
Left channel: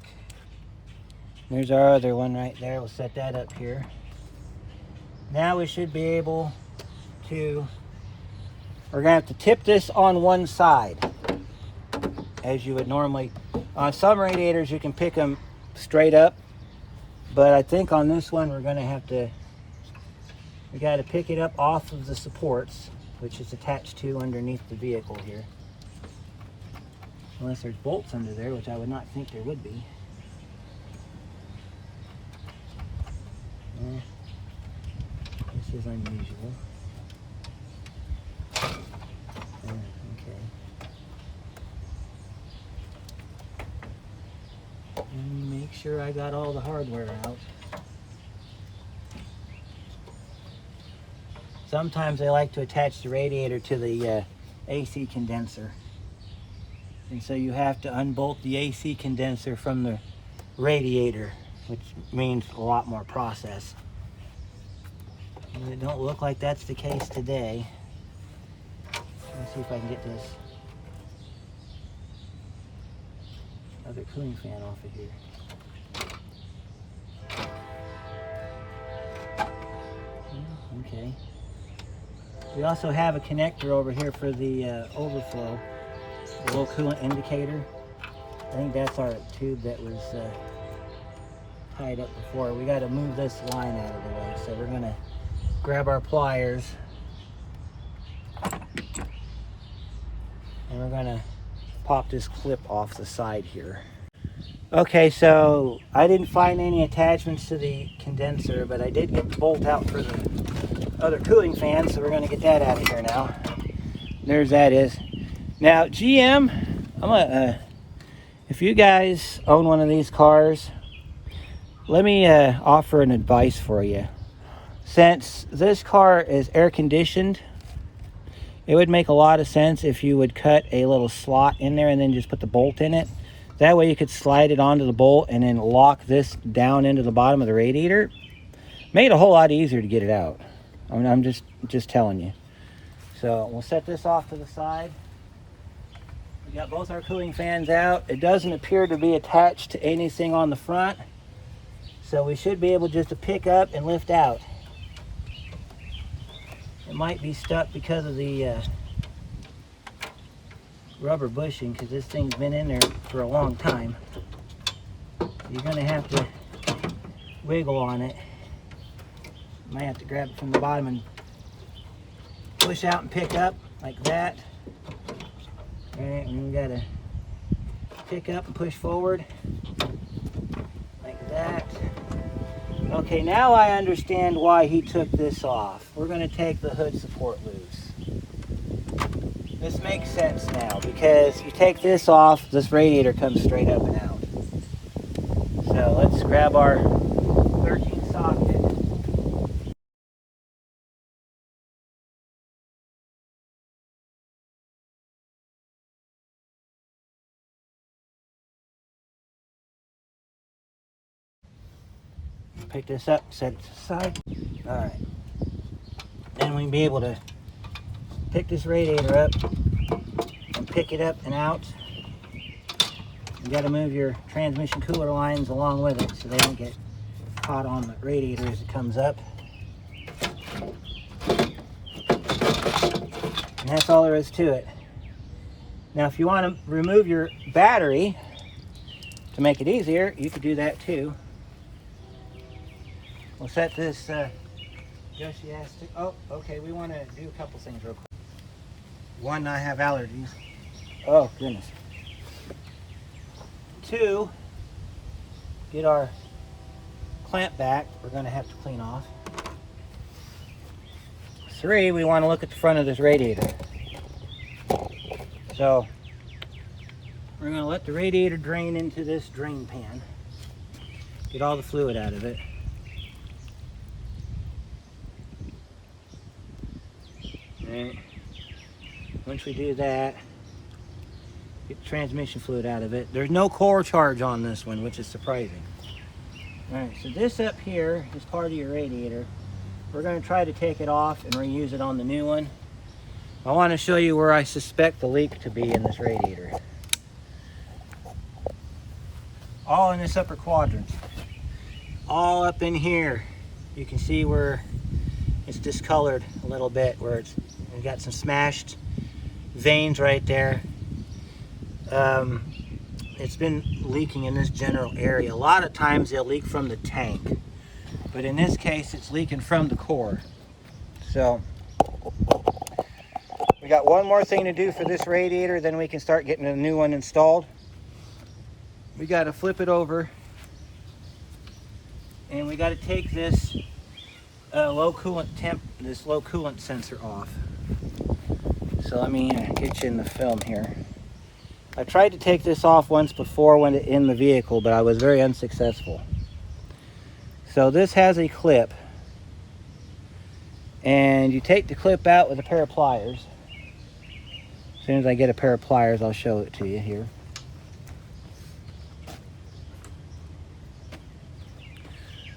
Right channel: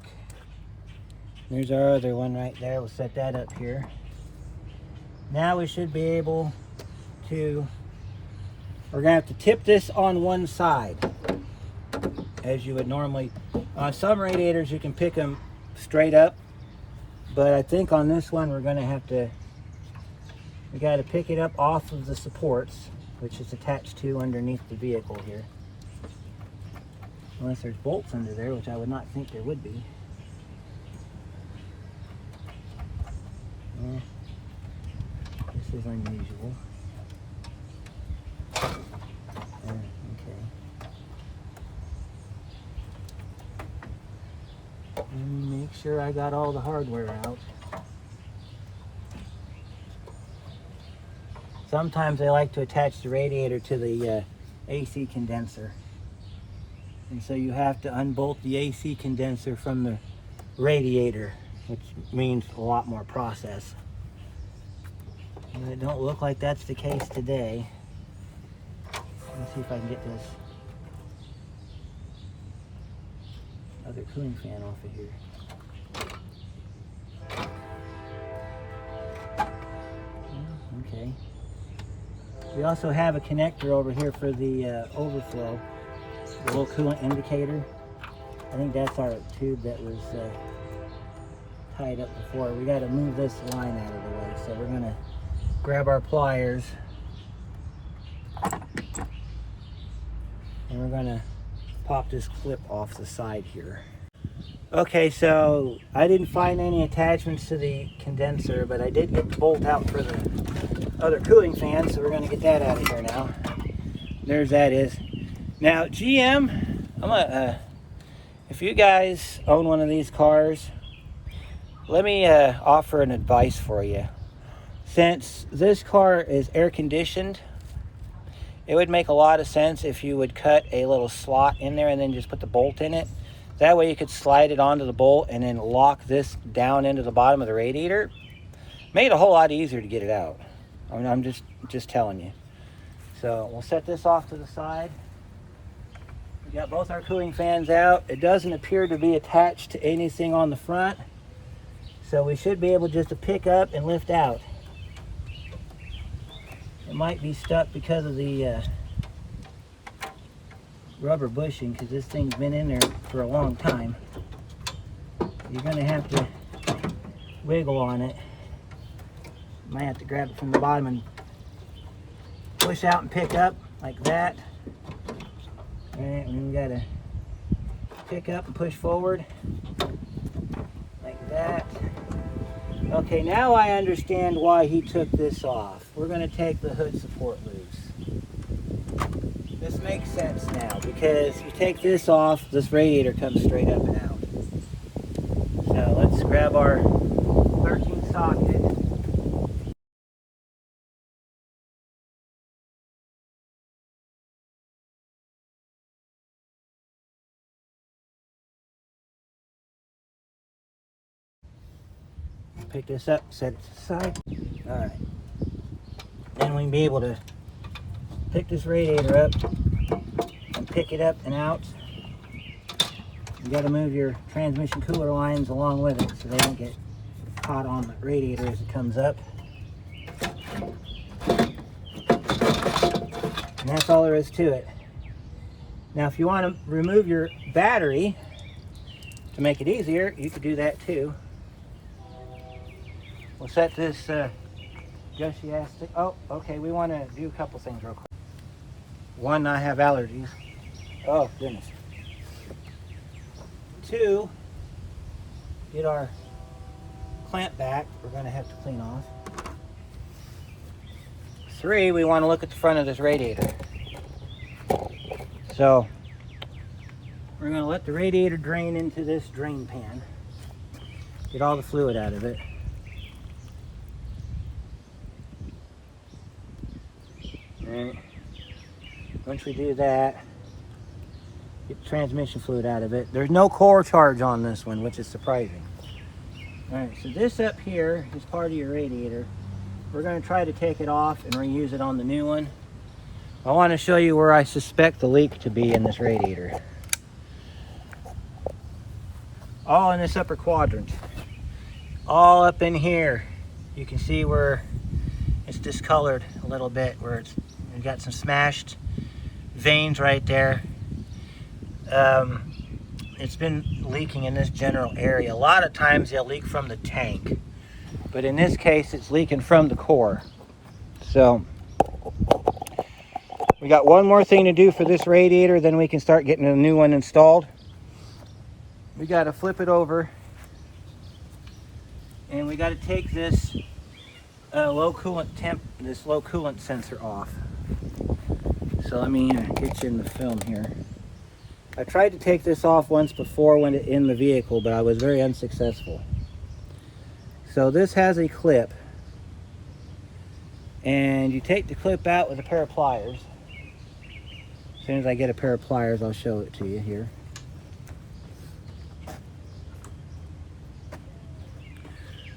There's our other one right there. We'll set that up here. Now we should be able to, we're gonna have to tip this on one side as you would normally. On some radiators you can pick them straight up, but I think on this one we're gonna have to, we gotta pick it up off of the supports, which is attached to underneath the vehicle here. Unless there's bolts under there, which I would not think there would be. This is unusual. Okay. And make sure I got all the hardware out. Sometimes they like to attach the radiator to the AC condenser. And so you have to unbolt the AC condenser from the radiator, which means a lot more process. And it don't look like that's the case today. Let me see if I can get this other cooling fan off of here. Yeah, okay. We also have a connector over here for the overflow, the little coolant indicator. I think that's our tube that was tied up before. We got to move this line out of the way, so we're going to grab our pliers and we're going to pop this clip off the side here. Okay, so I didn't find any attachments to the condenser, but I did get the bolt out for the other cooling fan, so we're going to get that out of here now. There's that is. Now GM, if you guys own one of these cars, let me offer an advice for you. Since this car is air conditioned, it would make a lot of sense if you would cut a little slot in there and then just put the bolt in it. That way you could slide it onto the bolt and then lock this down into the bottom of the radiator. Made it a whole lot easier to get it out. I mean, I'm just telling you. So we'll set this off to the side. Got both our cooling fans out. It doesn't appear to be attached to anything on the front, so we should be able just to pick up and lift out. It might be stuck because of the rubber bushing, because this thing's been in there for a long time. You're going to have to wiggle on it. You might have to grab it from the bottom and push out and pick up like that. Alright, and we got to pick up and push forward like that. Okay, now I understand why he took this off. We're going to take the hood support loose. This makes sense now, because if you take this off, this radiator comes straight up and out. So let's grab our 13 socket. Pick this up, set it aside. Alright. Then we can be able to pick this radiator up and pick it up and out. You got to move your transmission cooler lines along with it so they don't get caught on the radiator as it comes up. And that's all there is to it. Now if you want to remove your battery to make it easier, you could do that too. We'll set this Yoshi-astic. Oh, okay, we want to do a couple things real quick. One, I have allergies. Oh, goodness. Two, get our clamp back. We're going to have to clean off. Three, we want to look at the front of this radiator. So, we're going to let the radiator drain into this drain pan. Get all the fluid out of it. And once we do that, get the transmission fluid out of it. There's no core charge on this one, which is surprising. Alright, so this up here is part of your radiator. We're going to try to take it off and reuse it on the new one. I want to show you where I suspect the leak to be in this radiator. All in this upper quadrant. All up in here. You can see where it's discolored a little bit, where it's got some smashed veins right there. It's been leaking in this general area. A lot of times they'll leak from the tank, but in this case it's leaking from the core. So we got one more thing to do for this radiator, then we can start getting a new one installed. We got to flip it over, and we got to take this low coolant sensor off. So let me get you in the film here. I tried to take this off once before when in the vehicle, but I was very unsuccessful. So this has a clip, and you take the clip out with a pair of pliers. As soon as I get a pair of pliers, I'll show it to you here.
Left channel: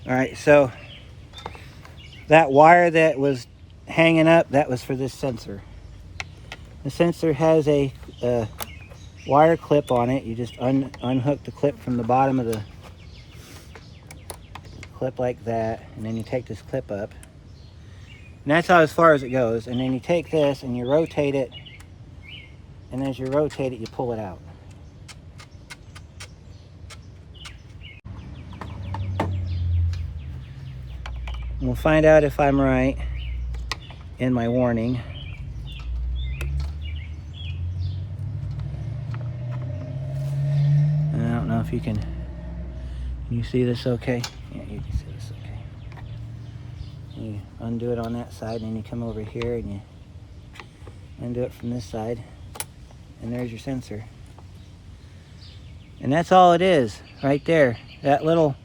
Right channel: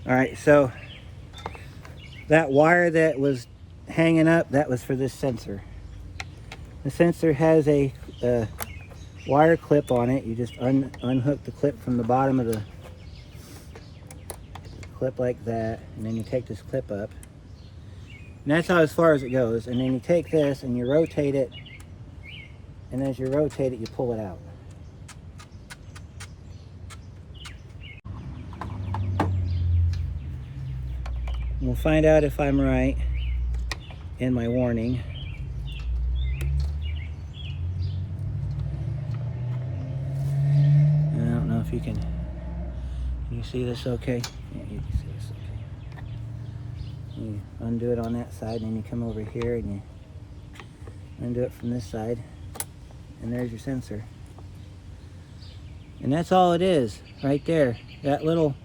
Alright, so that wire that was hanging up, that was for this sensor. The sensor has a wire clip on it. You just unhook the clip from the bottom of the clip like that, and then you take this clip up. And that's how as far as it goes. And then you take this and you rotate it, and as you rotate it, you pull it out. And we'll find out if I'm right in my warning. I don't know if you can you see this okay? Yeah, you can see this okay. You undo it on that side, and then you come over here and you undo it from this side, and there's your sensor. And that's all it is right there. That little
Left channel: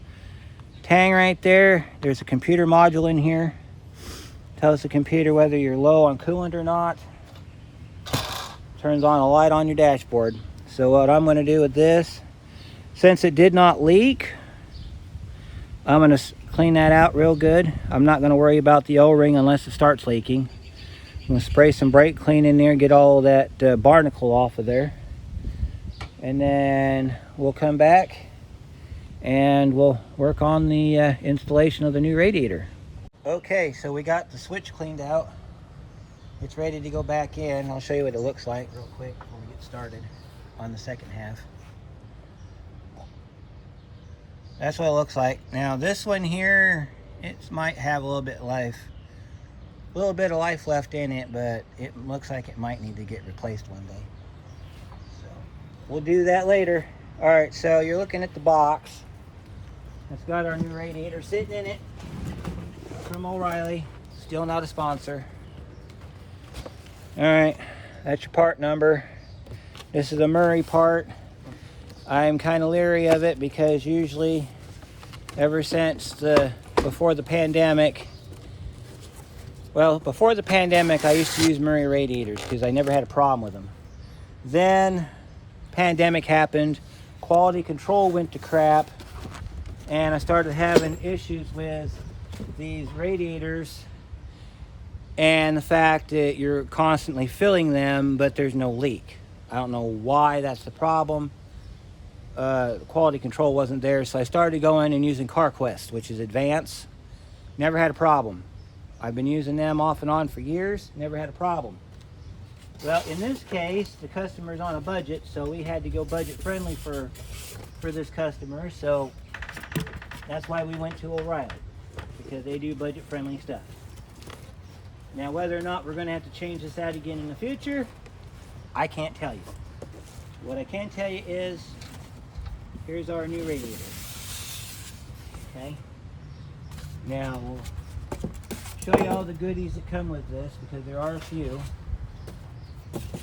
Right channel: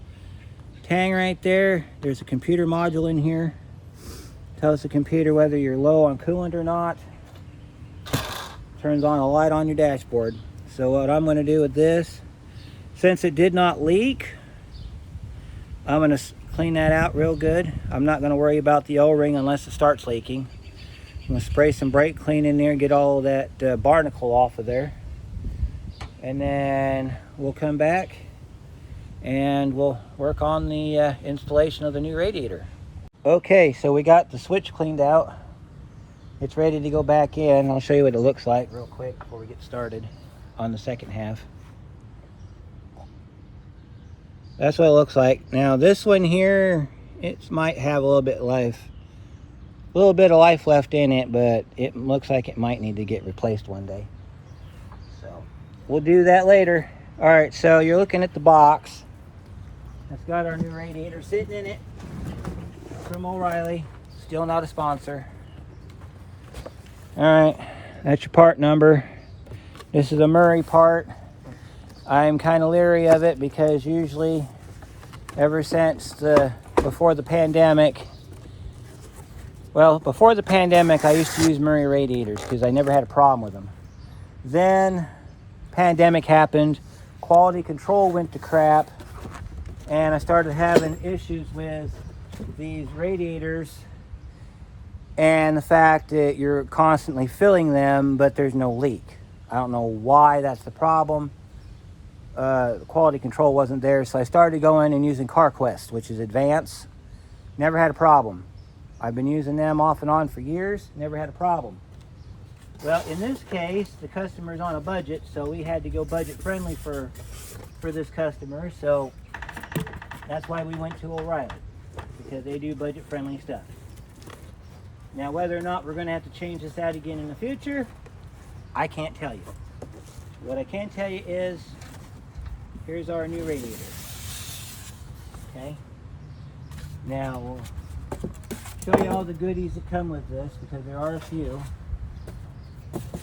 tang right there, there's a computer module in here. Tells the computer whether you're low on coolant or not. Turns on a light on your dashboard. So what I'm going to do with this, since it did not leak, I'm going to clean that out real good. I'm not going to worry about the O-ring unless it starts leaking. I'm going to spray some brake clean in there, get all of that barnacle off of there. and then we'll come back and we'll work on the installation of the new radiator. Okay, so we got the switch cleaned out. It's ready to go back in. I'll show you what it looks like real quick before we get started on the second half. That's what it looks like. Now this one here, it might have a little bit of life left in it, but it looks like it might need to get replaced one day. So we'll do that later. All right, so you're looking at the box. It's got our new radiator sitting in it from O'Reilly. Still not a sponsor. All right, that's your part number. This is a Murray part. I'm kind of leery of it because usually, ever since before the pandemic, I used to use Murray radiators because I never had a problem with them. Then, pandemic happened, quality control went to crap, and I started having issues with these radiators and the fact that you're constantly filling them, but there's no leak. I don't know why that's the problem. The quality control wasn't there, so I started going and using CarQuest, which is advanced. Never had a problem. I've been using them off and on for years, never had a problem. Well, in this case, the customer's on a budget, so we had to go budget friendly for this customer, so that's why we went to O'Reilly, because they do budget friendly stuff. Now, whether or not we're going to have to change this out again in the future, I can't tell you. What I can tell you is, here's our new radiator. Okay? Now, we'll show you all the goodies that come with this, because there are a few.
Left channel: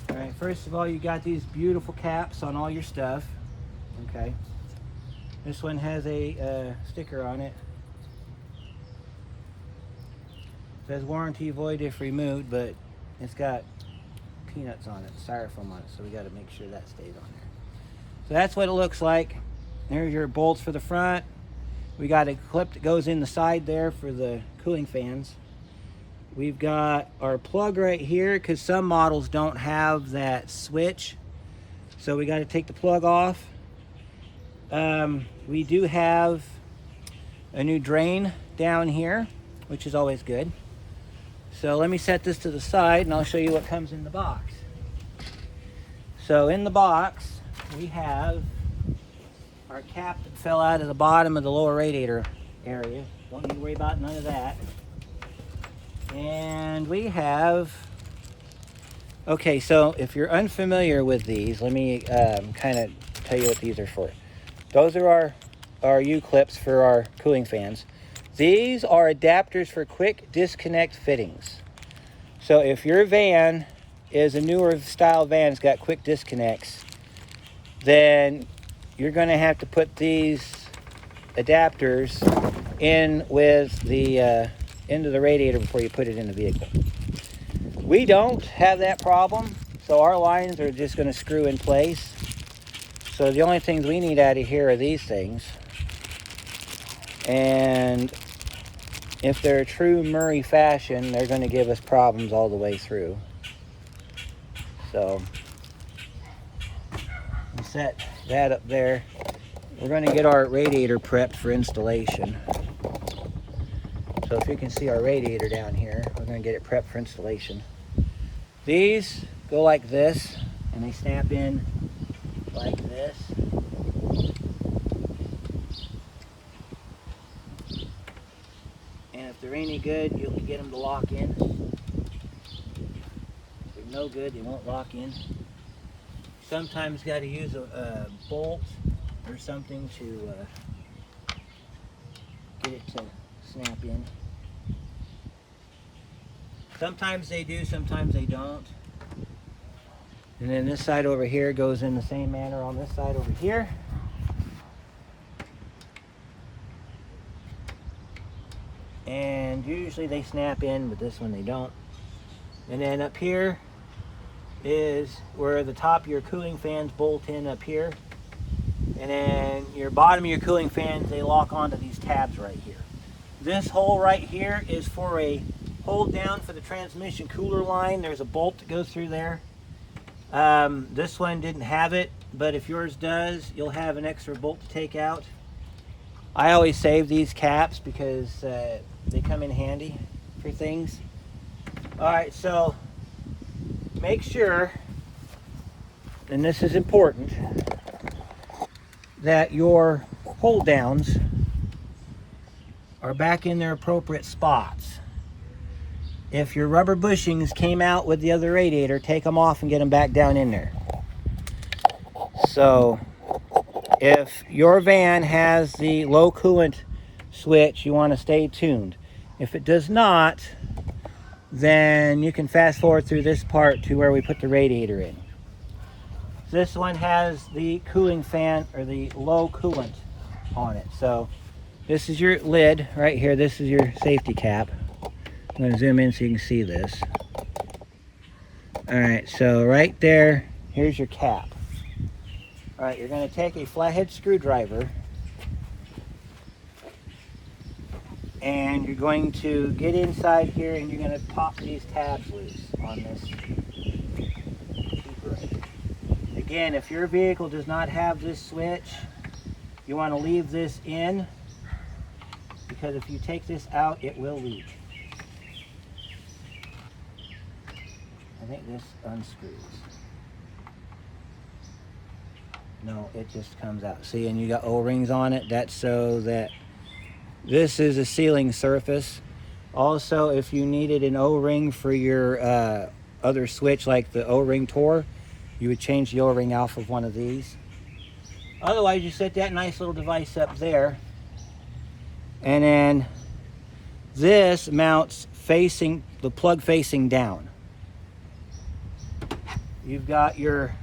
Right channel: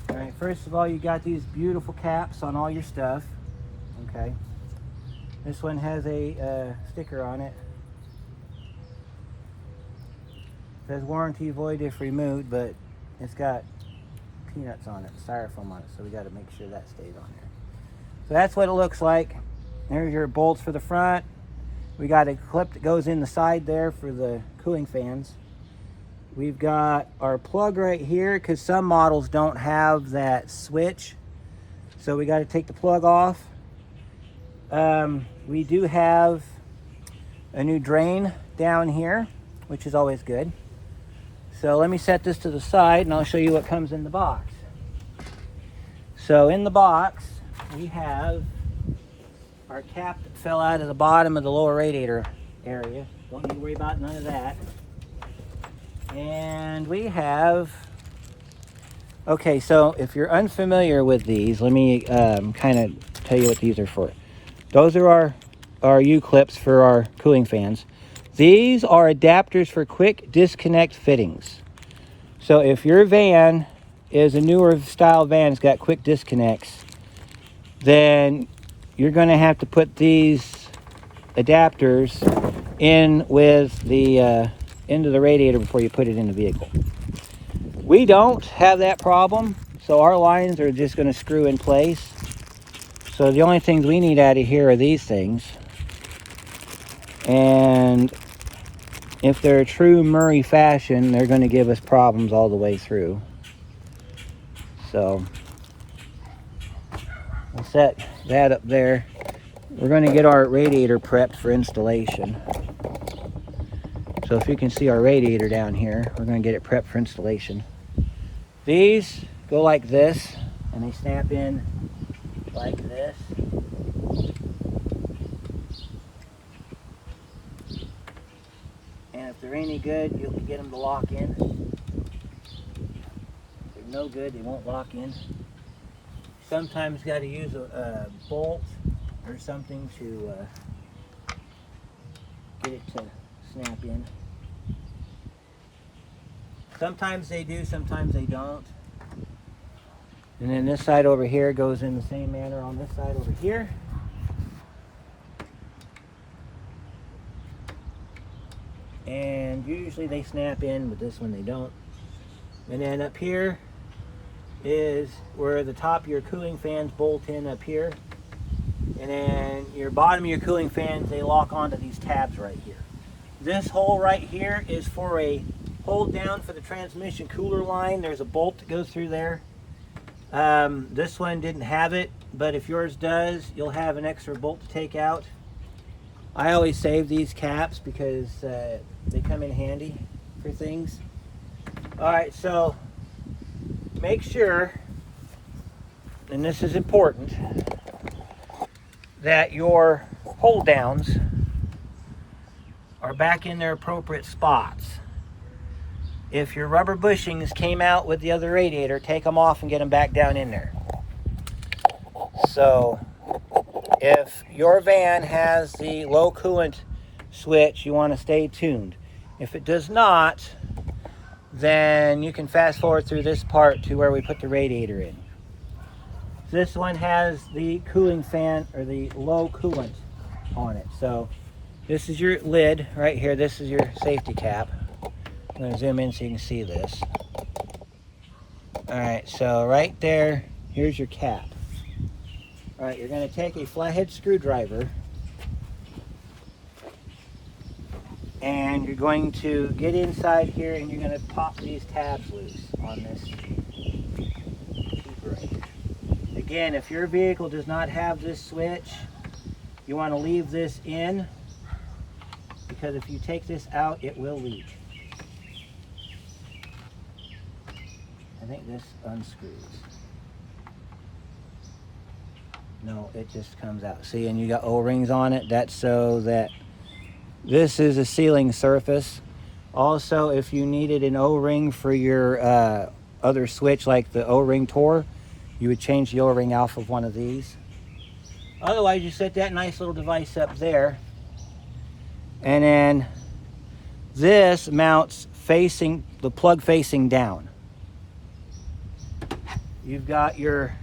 All right, first of all, you got these beautiful caps on all your stuff. Okay? This one has a sticker on it. It says warranty void if removed, but it's got peanuts on it, styrofoam on it, so we got to make sure that stays on there. So that's what it looks like. There's your bolts for the front. We got a clip that goes in the side there for the cooling fans. We've got our plug right here because some models don't have that switch, so we got to take the plug off. We do have a new drain down here, which is always good. So let me set this to the side and I'll show you what comes in the box. So in the box, we have our cap that fell out of the bottom of the lower radiator area. Don't need to worry about none of that. And we have, okay, so if you're unfamiliar with these, let me kind of tell you what these are for. Those are our U-clips for our cooling fans. These are adapters for quick disconnect fittings. So if your van is a newer style van, it's got quick disconnects, then you're going to have to put these adapters in with the into the radiator before you put it in the vehicle. We don't have that problem, so our lines are just going to screw in place. So the only things we need out of here are these things. And if they're a true Murray fashion, they're going to give us problems all the way through. So we'll set that up there. We're going to get our radiator prepped for installation. So if you can see our radiator down here, we're going to get it prepped for installation. These go like this, and they snap in like this. And if they're any good, you can get them to lock in. If they're no good, they won't lock in. Sometimes got to use a bolt or something to get it to snap in. Sometimes they do, sometimes they don't. And then this side over here goes in the same manner on this side over here. And usually they snap in, but this one they don't. And then up here is where the top of your cooling fans bolt in up here. And then your bottom of your cooling fans, they lock onto these tabs right here. This hole right here is for a hold down for the transmission cooler line. There's a bolt that goes through there. This one didn't have it, but if yours does, you'll have an extra bolt to take out. I always save these caps because they come in handy for things. Alright, so make sure, and this is important, that your hold downs are back in their appropriate spots. If your rubber bushings came out with the other radiator, take them off and get them back down in there. So if your van has the low coolant switch, you want to stay tuned. If it does not, then you can fast forward through this part to where we put the radiator in. This one has the cooling fan, or the low coolant on it. So this is your lid right here. This is your safety cap. I'm going to zoom in so you can see this. Alright, so right there, here's your cap. Alright, you're going to take a flathead screwdriver and you're going to get inside here and you're going to pop these tabs loose on this keeper right here. Again, if your vehicle does not have this switch, you want to leave this in, because if you take this out, it will leak. I think this unscrews. No, it just comes out. See, and you got O-rings on it. That's so that this is a sealing surface. Also, if you needed an O-ring for your other switch, like the O-ring tore, you would change the O-ring off of one of these. Otherwise, you set that nice little device up there. And then this mounts facing, the plug facing down. You've got your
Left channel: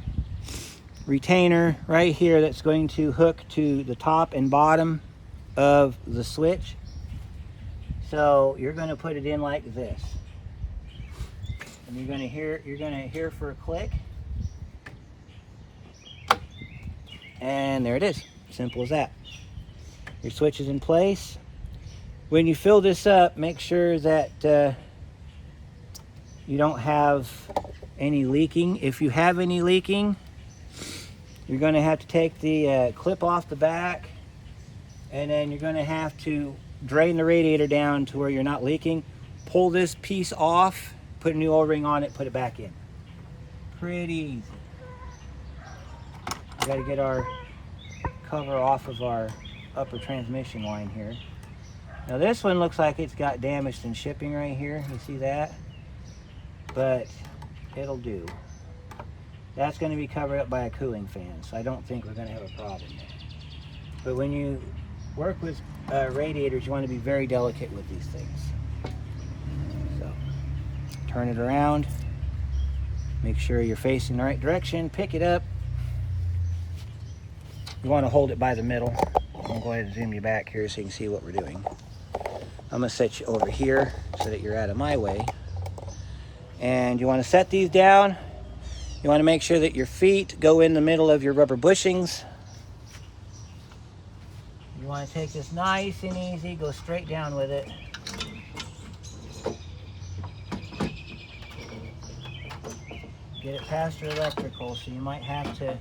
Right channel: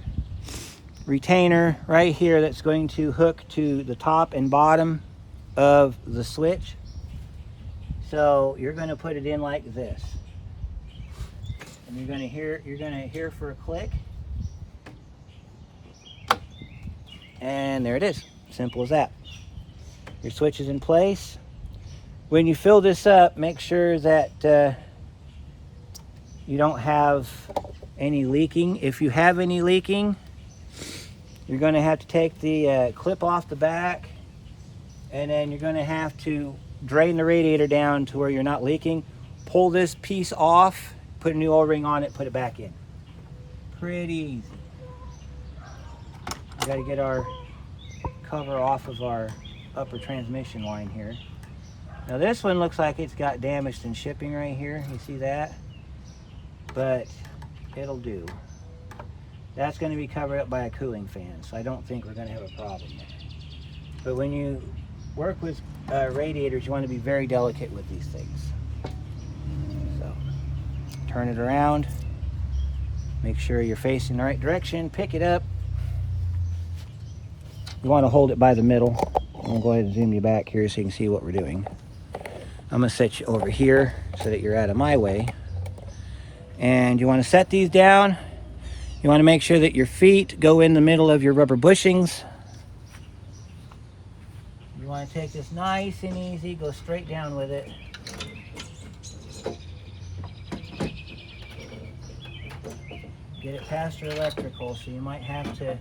retainer right here that's going to hook to the top and bottom of the switch. So you're going to put it in like this. And you're going to hear for a click. And there it is. Simple as that. Your switch is in place. When you fill this up, make sure that you don't have any leaking. If you have any leaking, you're going to have to take the clip off the back, and then you're going to have to drain the radiator down to where you're not leaking. Pull this piece off, put a new O-ring on it, put it back in. Pretty easy. We got to get our cover off of our upper transmission line here. Now this one looks like it's got damaged in shipping right here. You see that? But it'll do. That's going to be covered up by a cooling fan, so I don't think we're going to have a problem there. But when you work with radiators, you want to be very delicate with these things. So turn it around, make sure you're facing the right direction, pick it up. You want to hold it by the middle. I'll go ahead and zoom you back here so you can see what we're doing. I'm going to set you over here so that you're out of my way. And you want to set these down. You want to make sure that your feet go in the middle of your rubber bushings. You want to take this nice and easy, go straight down with it. Get it past your electrical, so you might have to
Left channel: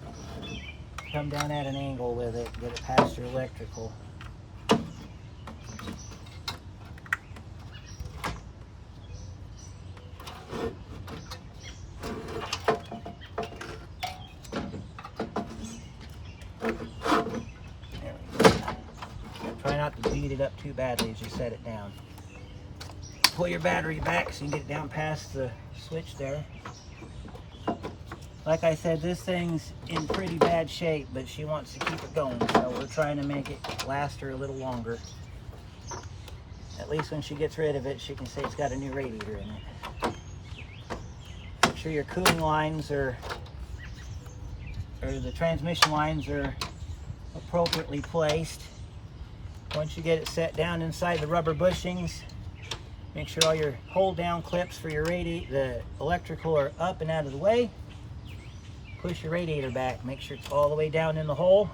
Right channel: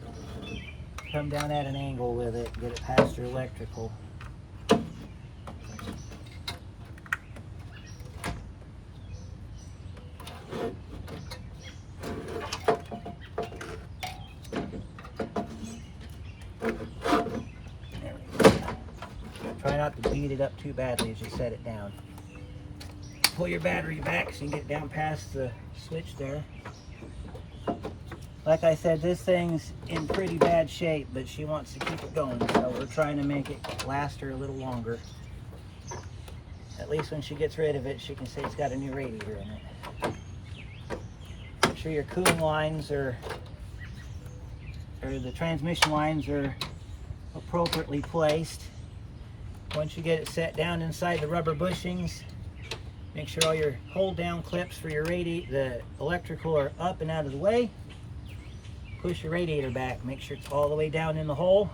come down at an angle with it, get it past your electrical. Try not to beat it up too badly as you set it down. Pull your battery back so you can get it down past the switch there. Like I said, this thing's in pretty bad shape, but she wants to keep it going, so we're trying to make it last her a little longer. At least when she gets rid of it, she can say it's got a new radiator in it. Make sure your cooling lines or the transmission lines are appropriately placed. Once you get it set down inside the rubber bushings, make sure all your hold down clips for your the electrical are up and out of the way. Push your radiator back, make sure it's all the way down in the hole,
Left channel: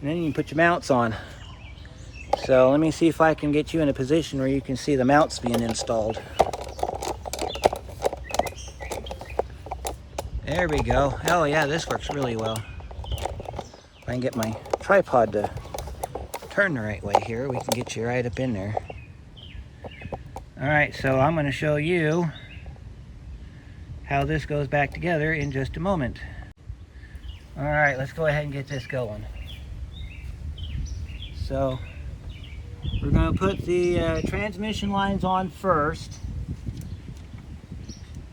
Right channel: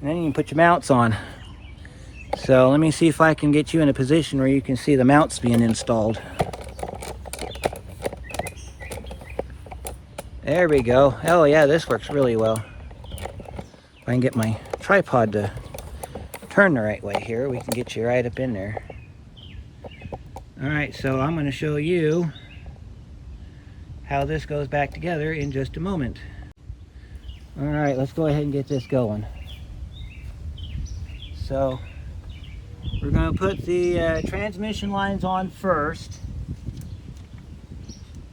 and then you can put your mounts on. So let me see if I can get you in a position where you can see the mounts being installed. There we go. Oh yeah, this works really well. I can get my tripod to turn the right way here, we can get you right up in there. Alright, so I'm going to show you how this goes back together in just a moment. Alright, let's go ahead and get this going. So we're going to put the transmission lines on first.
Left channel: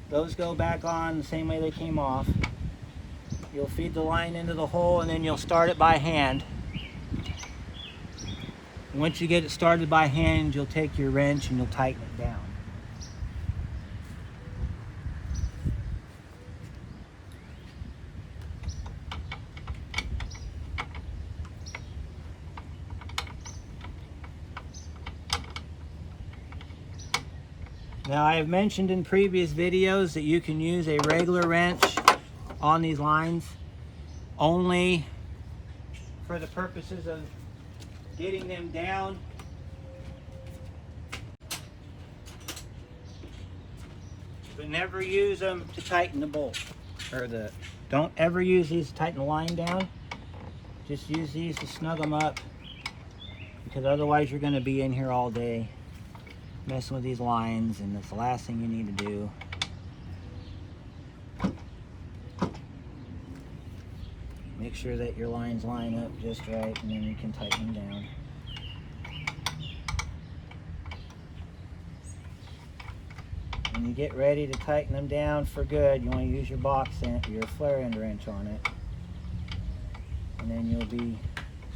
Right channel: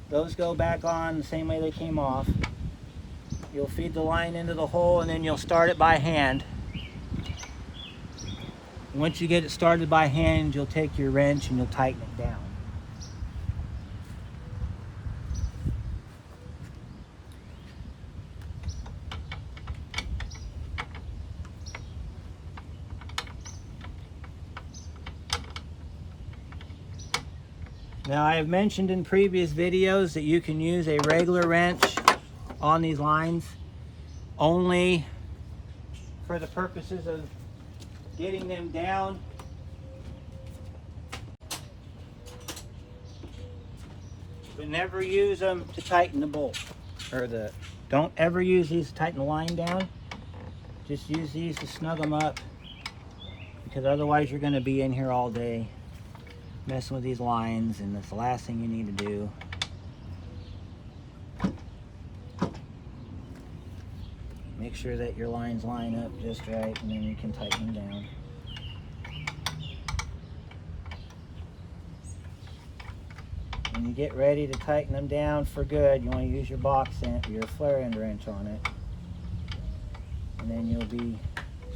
Those go back on the same way they came off. You'll feed the line into the hole and then you'll start it by hand. Once you get it started by hand, you'll take your wrench and you'll tighten it down. Now, I have mentioned in previous videos that you can use a regular wrench on these lines only for the purposes of getting them down. But never use them to tighten the bolt. Don't ever use these to tighten the line down. Just use these to snug them up, because otherwise you're going to be in here all day messing with these lines, and that's the last thing you need to do. Make sure that your lines line up just right, and then you can tighten them down. When you get ready to tighten them down for good, you want to use your your flare end wrench on it, and then you'll be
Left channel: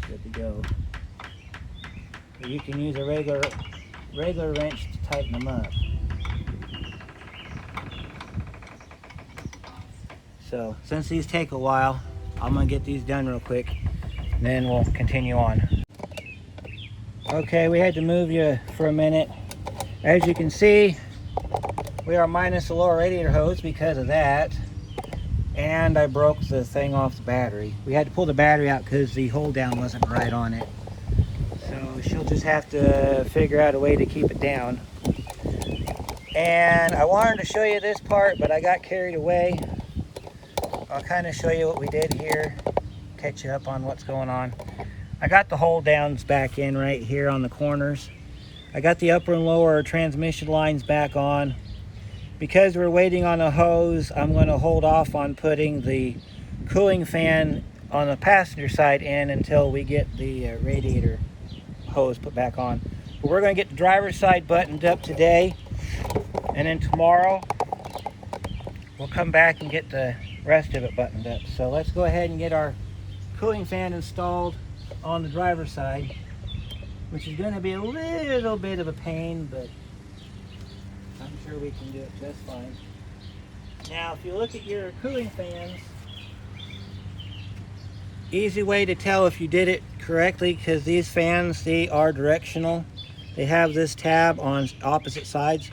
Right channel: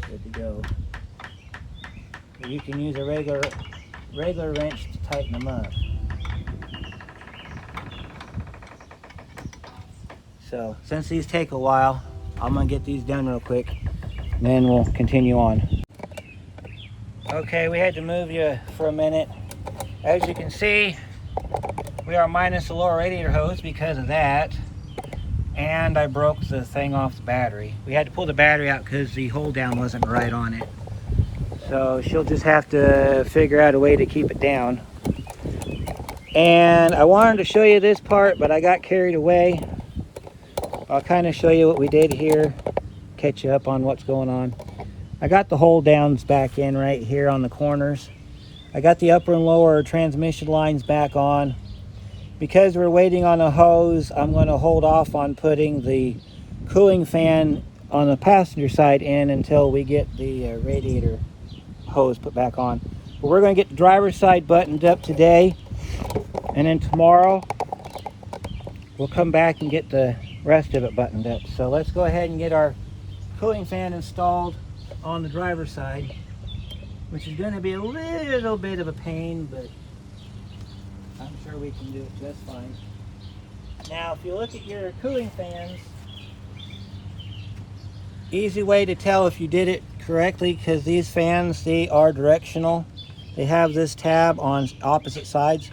good to go. But you can use a regular wrench to tighten them up. So since these take a while, I'm gonna get these done real quick and then we'll continue on. Okay, we had to move you for a minute. As you can see, we are minus the lower radiator hose because of that, and I broke the thing off the battery. We had to pull the battery out because the hold down wasn't right on it. So she'll just have to figure out a way to keep it down. And I wanted to show you this part, but I got carried away. I'll kind of show you what we did here, catch you up on what's going on. I got the hold downs back in right here on the corners. I got the upper and lower transmission lines back on. Because we're waiting on a hose, I'm going to hold off on putting the cooling fan on the passenger side in until we get the radiator hose put back on. But we're going to get the driver's side buttoned up today, and then tomorrow we'll come back and get the rest of it buttoned up. So let's go ahead and get our cooling fan installed on the driver's side, which is going to be a little bit of a pain, but I'm sure we can do it just fine. Now, if you look at your cooling fans, easy way to tell if you did it correctly, because these fans, they are directional. They have this tab on opposite sides.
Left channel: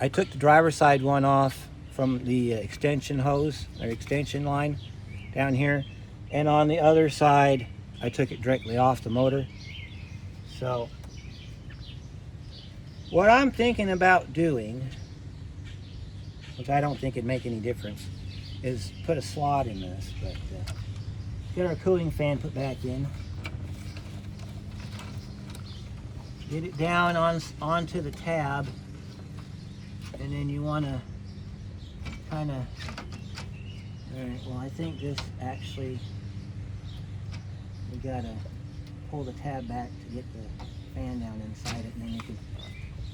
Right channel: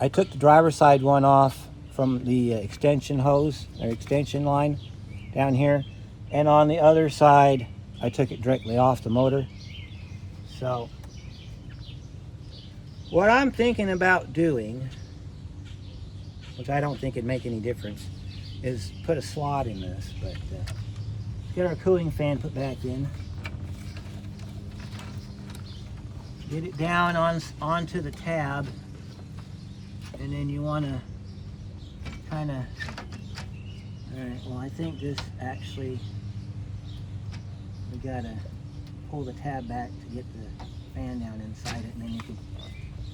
I took the driver's side one off from the extension hose or extension line down here, and on the other side I took it directly off the motor. So what I'm thinking about doing, which I don't think it'd make any difference, is put a slot in this. But get our cooling fan put back in, get it down onto the tab, and then you want to kind of, alright, well, I think this actually, we gotta pull the tab back to get the fan down inside it, and then you can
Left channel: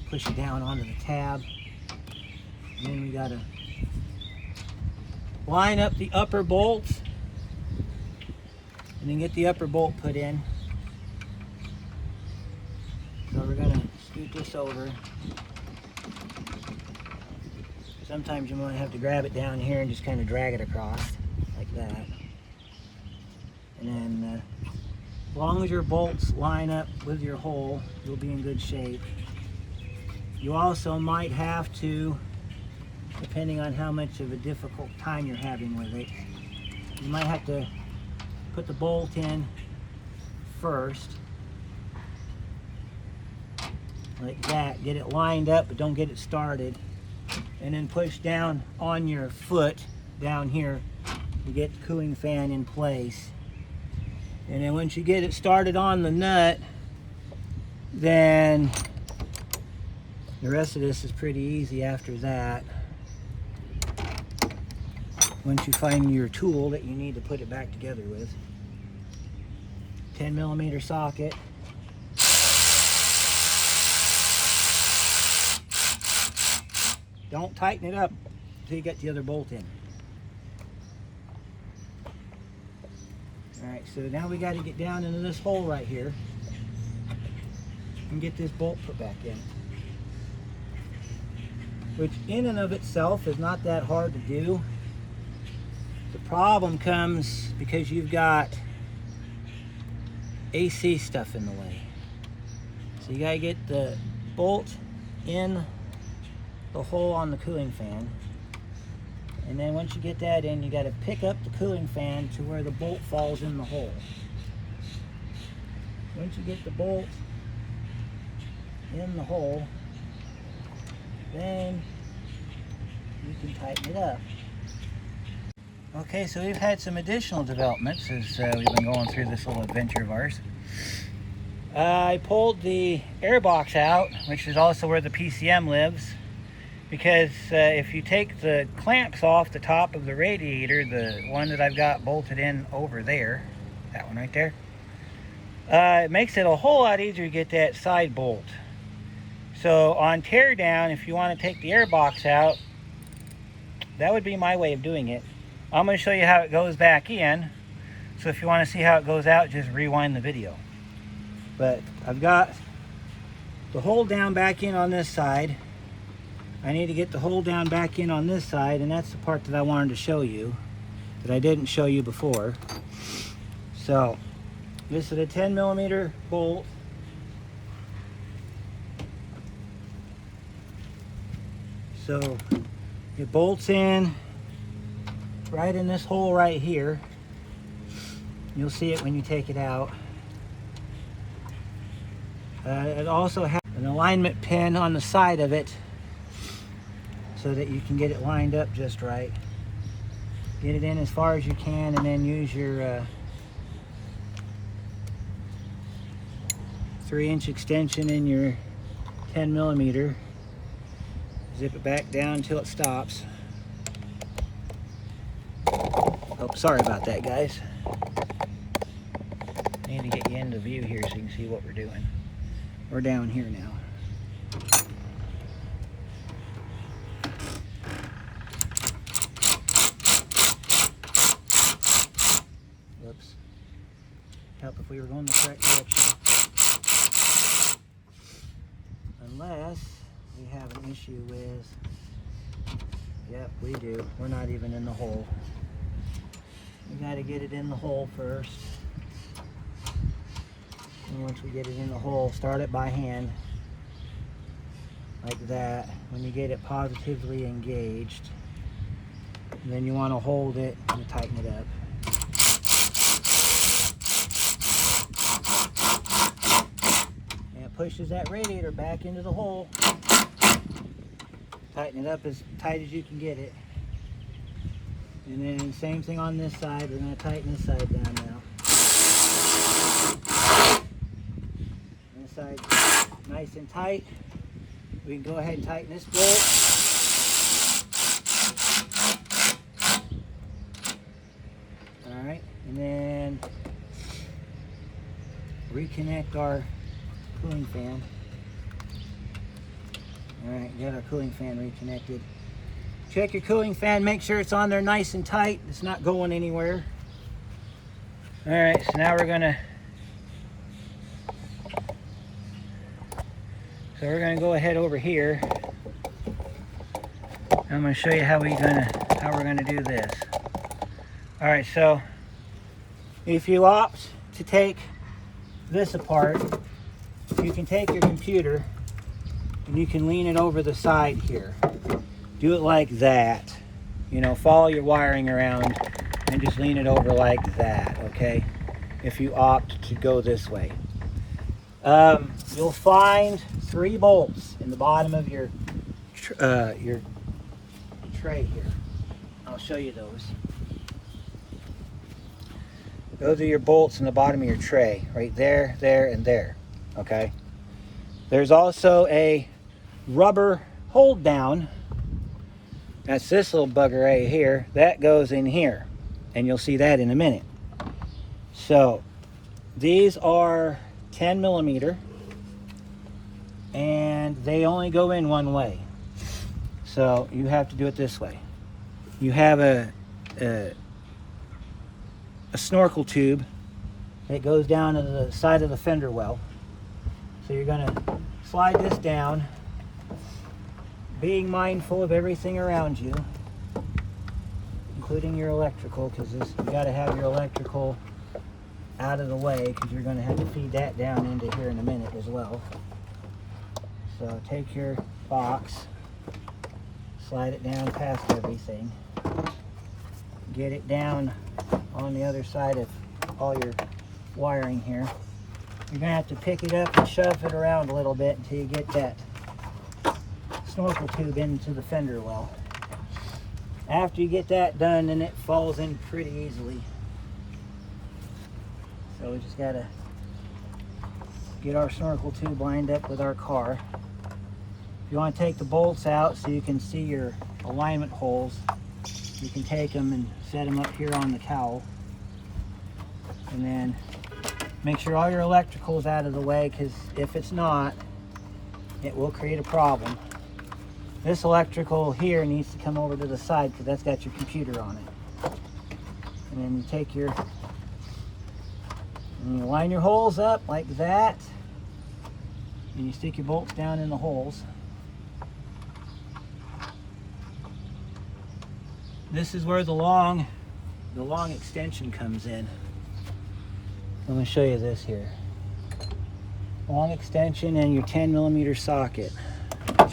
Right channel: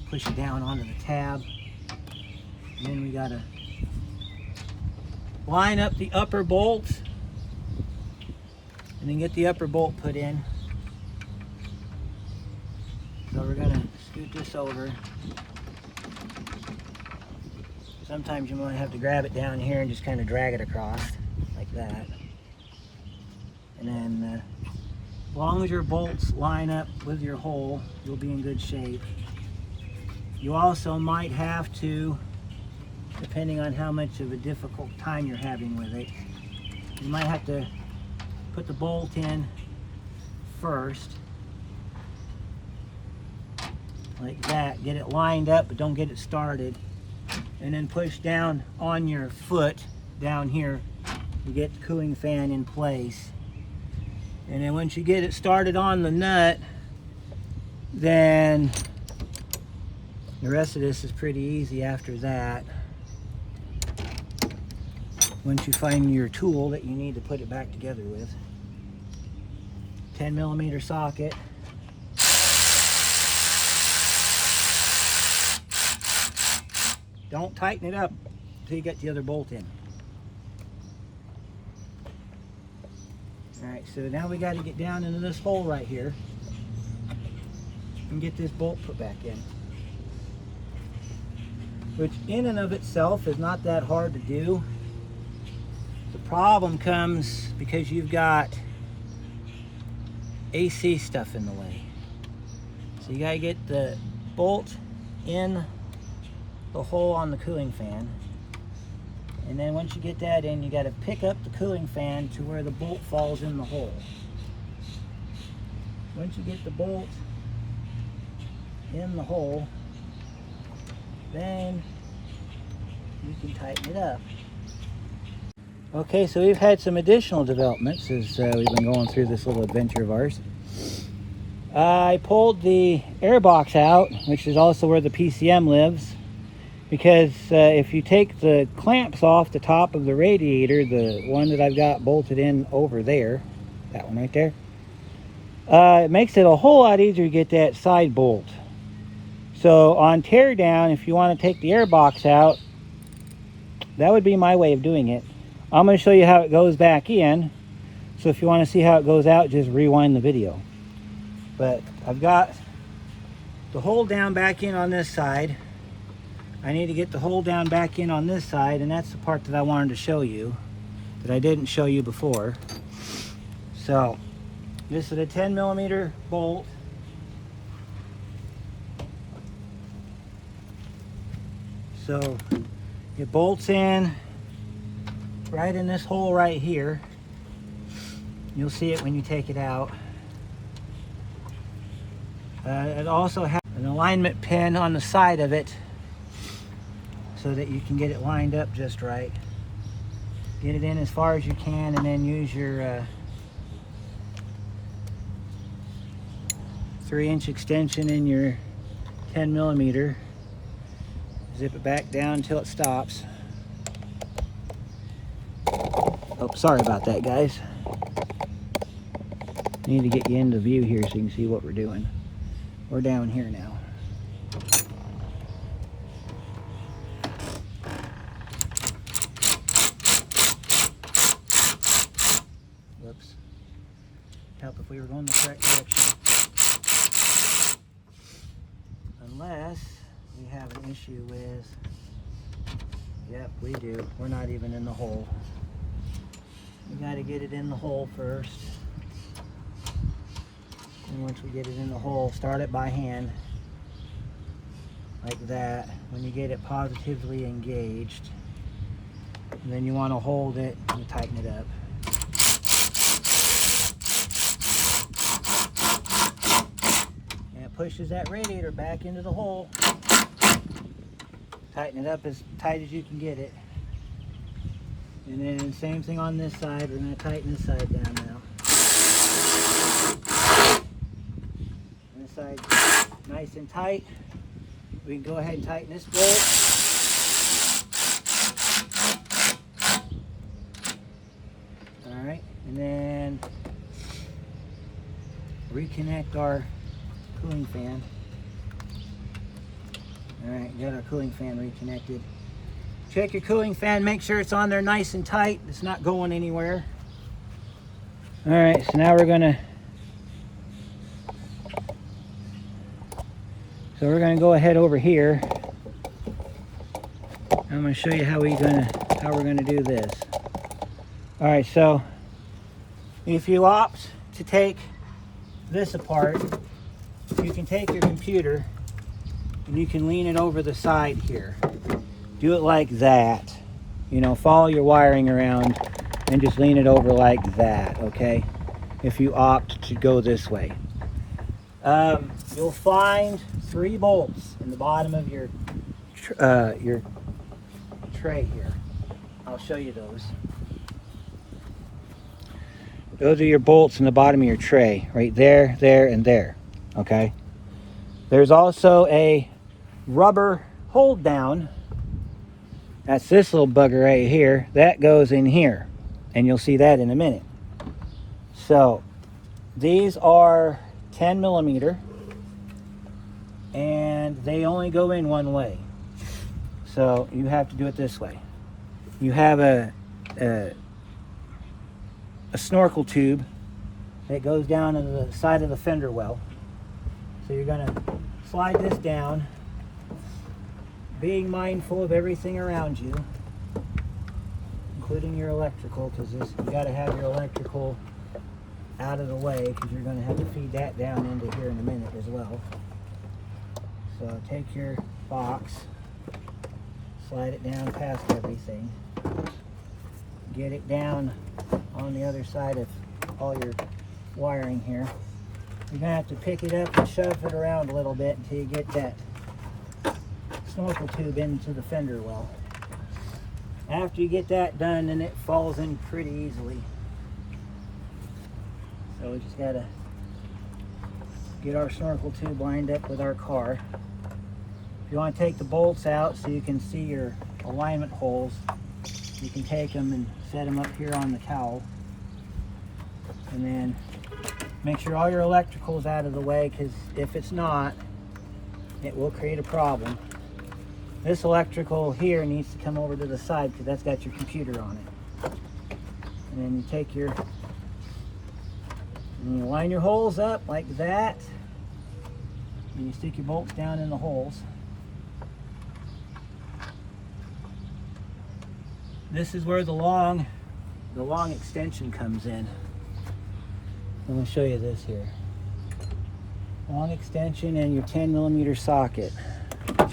push it down onto the tab. And then we gotta line up the upper bolts and then get the upper bolt put in. So we're gonna scoot this over. Sometimes you might have to grab it down here and just kind of drag it across like that. And then as long as your bolts line up with your hole, you'll be in good shape. You also might have to, depending on how much of a difficult time you're having with it, you might have to put the bolt in first, like that. Get it lined up, but don't get it started. And then push down on your foot down here to get the cooling fan in place. And then once you get it started on the nut, then the rest of this is pretty easy after that. Once you find your tool that you need to put it back together with. 10mm socket. Don't tighten it up until you get the other bolt in. Alright, so now we got to get down into this hole right here and get this bolt put back in. Which in and of itself is not that hard to do. The problem comes because you've got AC stuff in the way. So you got to get the bolt in the hole on the cooling fan. And then once you get that in, you got to pick up the cooling fan to where the bolt falls in the hole. Once you get the bolt in the hole, then you can tighten it up. Okay, so we've had some additional developments as we've been going through this little adventure of ours. I pulled the air box out, which is also where the PCM lives, because if you take the clamps off the top of the radiator, the one that I've got bolted in over there, that one right there, it makes it a whole lot easier to get that side bolt. So on teardown, if you want to take the air box out, that would be my way of doing it. I'm going to show you how it goes back in, so if you want to see how it goes out, just rewind the video. But I've got the hole down back in on this side. I need to get the hole down back in on this side, and that's the part that I wanted to show you that I didn't show you before. So this is a 10mm bolt. So it bolts in right in this hole right here. You'll see it when you take it out. It also has an alignment pin on the side of it so that you can get it lined up just right. Get it in as far as you can, and then use your 3-inch extension in your 10mm. Zip it back down until it stops. Oh, sorry about that, guys. I need to get you into view here so you can see what we're doing. We're down here now. Whoops. Help if we were going the correct direction. Unless we have an issue with, yep, we do. We're not even in the hole. We got to get it in the hole first. And once we get it in the hole, start it by hand, like that. When you get it positively engaged, and then you want to hold it and tighten it up. And it pushes that radiator back into the hole. Tighten it up as tight as you can get it. And then same thing on this side. We're going to tighten this side down now. This side nice and tight. We can go ahead and tighten this bolt. Alright, and then reconnect our cooling fan. Alright, got our cooling fan reconnected. Check your cooling fan, make sure it's on there nice and tight. It's not going anywhere. Alright, so now we're gonna go ahead over here. I'm gonna show you how we're gonna do this. Alright, so if you opt to take this apart, you can take your computer and you can lean it over the side here. Do it like that. You know, follow your wiring around and just lean it over like that, okay? If you opt to go this way. You'll find 3 bolts in the bottom of your tray here. I'll show you those. Those are your bolts in the bottom of your tray, right there, there, and there, okay? There's also a rubber hold down. That's this little bugger right here. That goes in here, and you'll see that in a minute. So these are 10 millimeter, and they only go in one way. So you have to do it this way. You have a snorkel tube that goes down to the side of the fender well. So you're gonna slide this down, being mindful of everything around you, including your electrical, because you gotta have your electrical out of the way, because you're gonna have to feed that down into here in a minute as well. So take your box, slide it down past everything, get it down on the other side of all your wiring here. You're gonna have to pick it up and shove it around a little bit until you get that snorkel tube into the fender well. After you get that done, then it falls in pretty easily. So we just gotta get our snorkel tube lined up with our car. If you want to take the bolts out so you can see your alignment holes, you can take them and set them up here on the cowl. And then make sure all your electrical is out of the way, because if it's not, it will create a problem. This electrical here needs to come over to the side, because that's got your computer on it. And then you take your, and you line your holes up like that, and you stick your bolts down in the holes. This is where the long extension comes in. I'm going to show you this here. Long extension and your 10 millimeter socket. So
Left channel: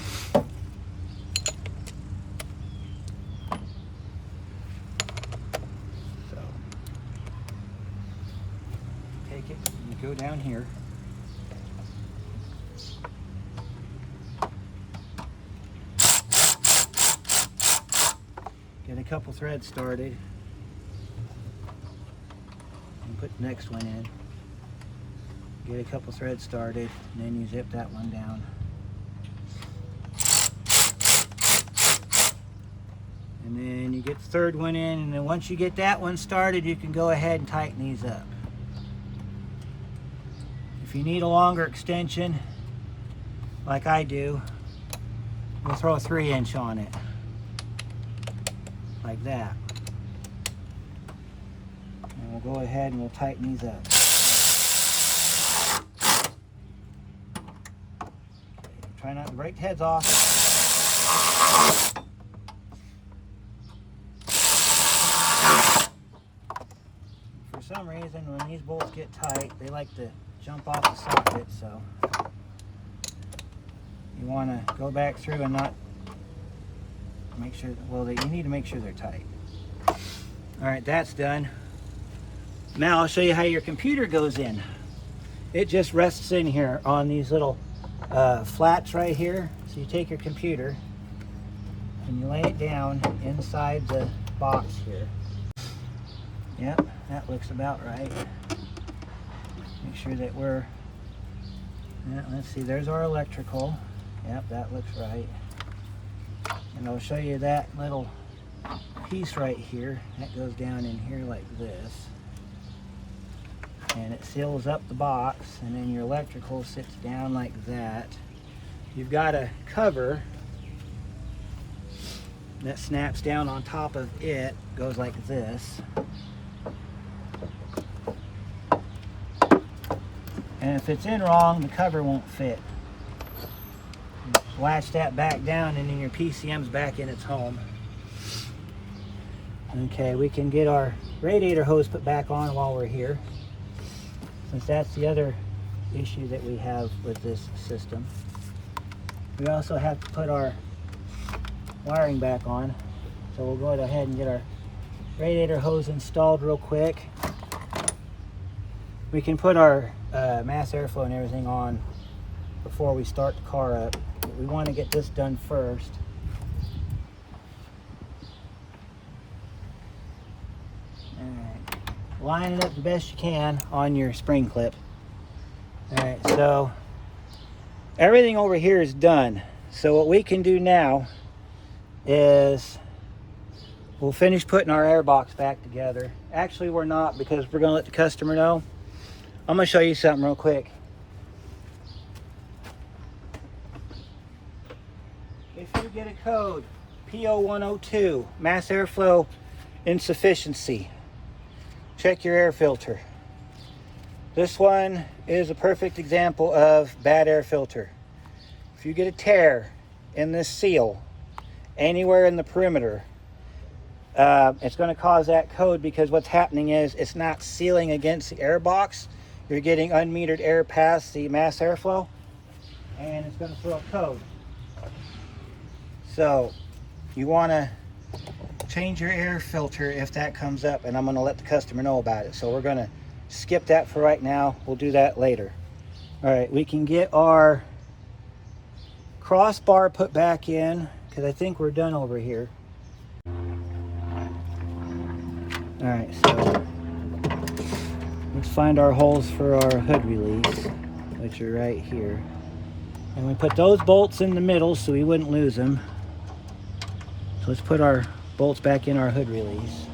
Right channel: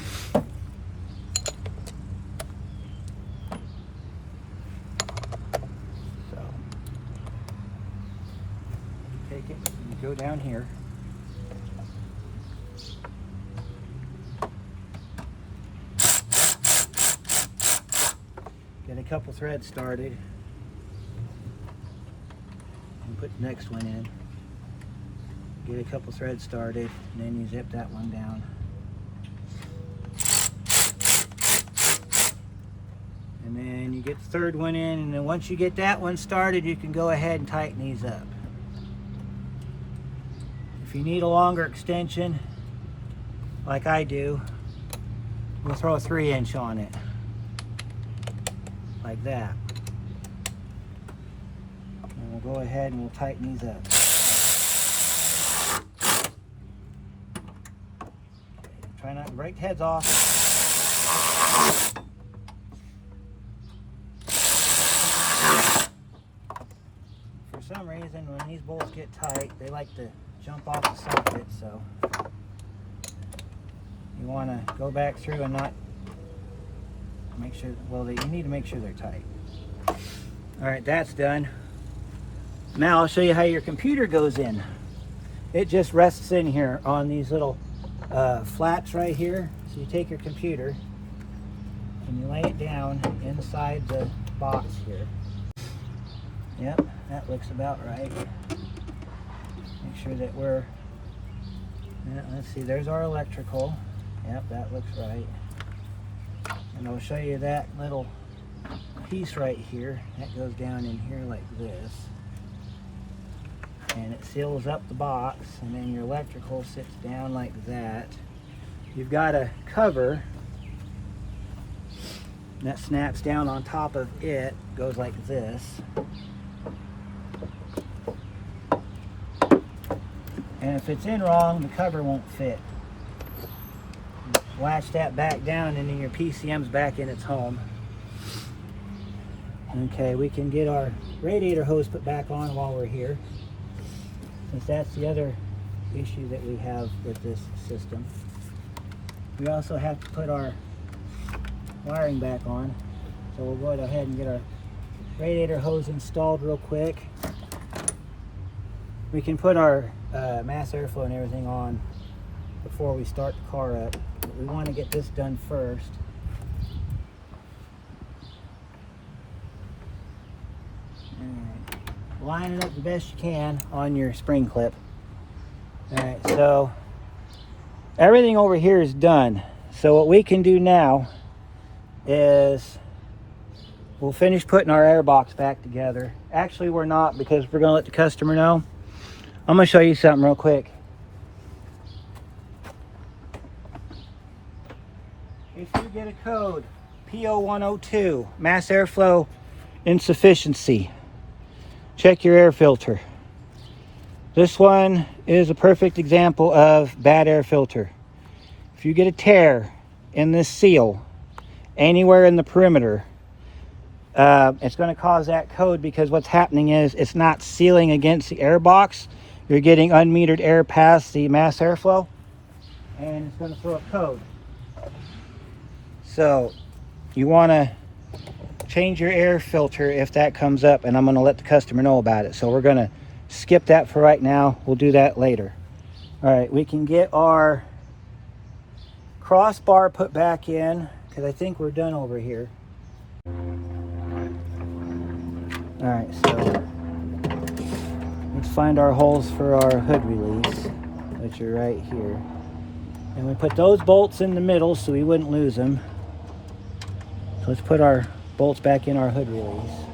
take it, you go down here. Get a couple threads started and put the next one in. Get a couple threads started, and then you zip that one down. And then you get the third one in, and then once you get that one started, you can go ahead and tighten these up. If you need a longer extension, like I do, we'll throw a 3-inch on it. Like that. And we'll go ahead and we'll tighten these up. Okay, try not to break the heads off. For some reason, when these bolts get tight, they like to jump off the socket, so you want to go back through and not make sure, well, you need to make sure they're tight. All right, that's done. Now I'll show you how your computer goes in. It just rests in here on these little flats right here. So you take your computer and you lay it down inside the box here. Yep, that looks about right. Make sure that we're, yeah, let's see, there's our electrical. Yep, that looks right. And I'll show you that little piece right here. That goes down in here like this. And it seals up the box, and then your electrical sits down like that. You've got a cover that snaps down on top of it, goes like this. And if it's in wrong, the cover won't fit. Latch that back down, and then your PCM's back in its home. Okay, we can get our radiator hose put back on while we're here, since that's the other issue that we have with this system. We also have to put our wiring back on, so we'll go ahead and get our radiator hose installed real quick. We can put our mass airflow and everything on before we start the car up, but we want to get this done first. Alright, line it up the best you can on your spring clip. Alright, so everything over here is done. So what we can do now is we'll finish putting our air box back together. Actually, we're not, because we're going to let the customer know. I'm going to show you something real quick. If you get a code PO102, mass airflow insufficiency, check your air filter. This one is a perfect example of bad air filter. If you get a tear in this seal anywhere in the perimeter, it's going to cause that code, because what's happening is it's not sealing against the air box. You're getting unmetered air past the mass airflow, and it's going to throw a code. So you want to change your air filter if that comes up, and I'm going to let the customer know about it. So we're going to skip that for right now. We'll do that later. All right, we can get our crossbar put back in, because I think we're done over here. All right, so let's find our holes for our hood release, which are right here. And we put those bolts in the middle so we wouldn't lose them. So let's put our bolts back in our hood release.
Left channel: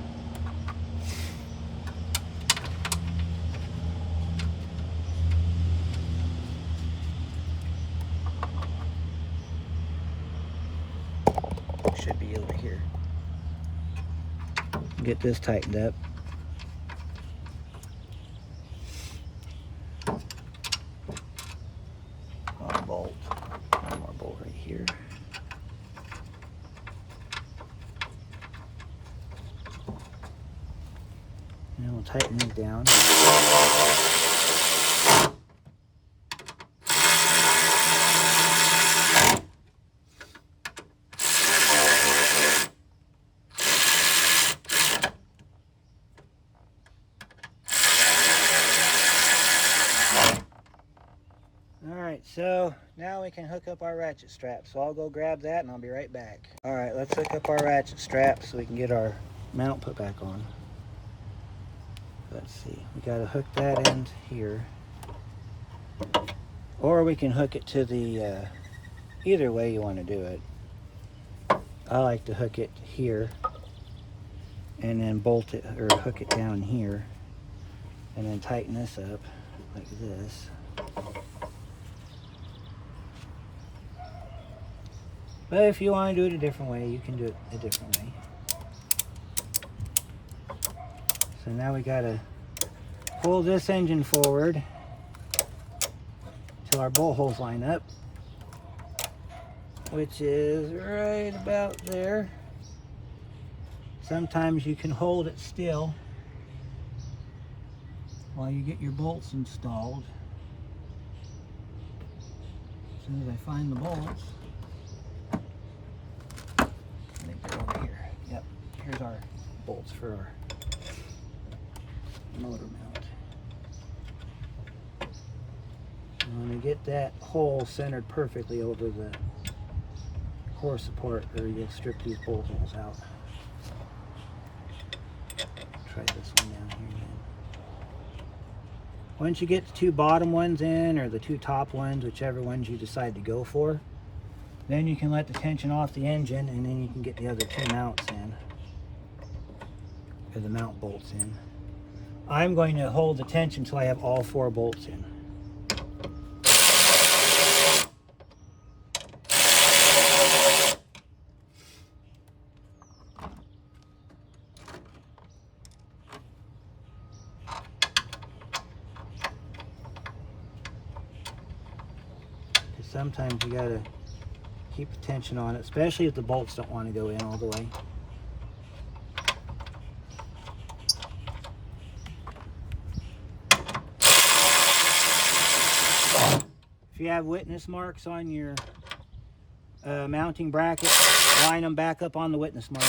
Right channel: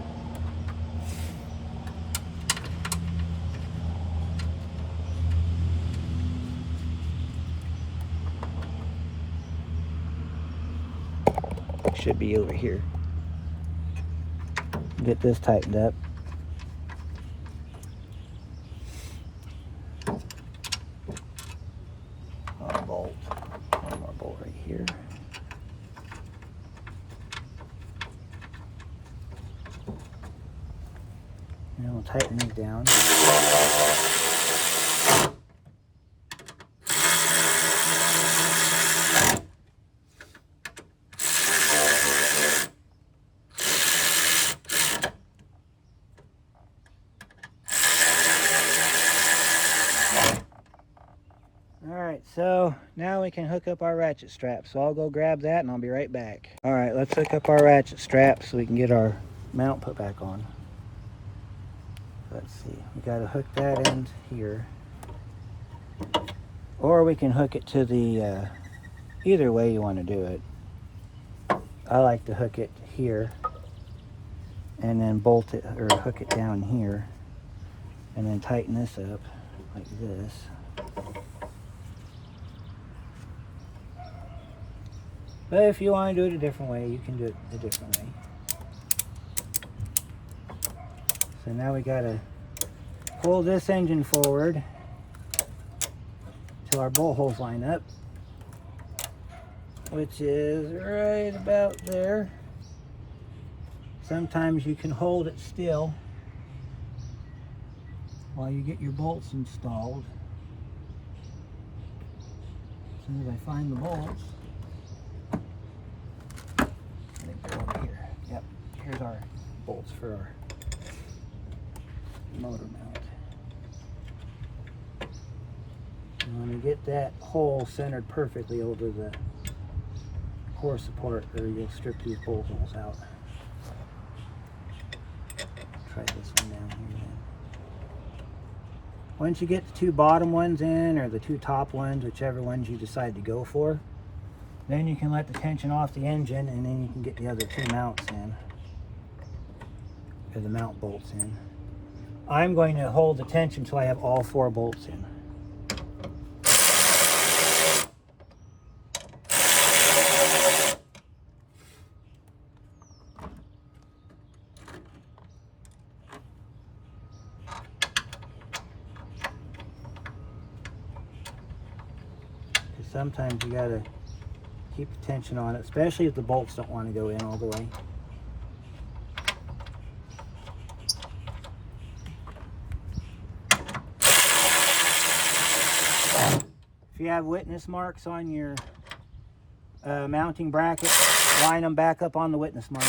Should be over here. Get this tightened up. Our bolt. One more bolt right here. And we'll tighten these down. Alright, so now we can hook up our ratchet straps. So I'll go grab that and I'll be right back. Alright, let's hook up our ratchet straps so we can get our mount put back on. Let's see, we got to hook that end here, or we can hook it to the either way you want to do it. I like to hook it here and then bolt it, or hook it down here, and then tighten this up like this. But if you want to do it a different way, you can do it a different way. So now we got to pull this engine forward till our bolt holes line up, which is right about there. Sometimes you can hold it still while you get your bolts installed. As soon as I find the bolts, I think they're over here. Yep, here's our bolts for our motor mount. And when you get that hole centered perfectly over the core support, or you'll strip these bolt holes out. Try this one down here then. Once you get the two bottom ones in, or the two top ones, whichever ones you decide to go for, then you can let the tension off the engine, and then you can get the other two mounts in, or the mount bolts in. I'm going to hold the tension until I have all four bolts in. Because sometimes you gotta keep the tension on it, especially if the bolts don't want to go in all the way. If you have witness marks on your mounting bracket, line them back up on the witness mark.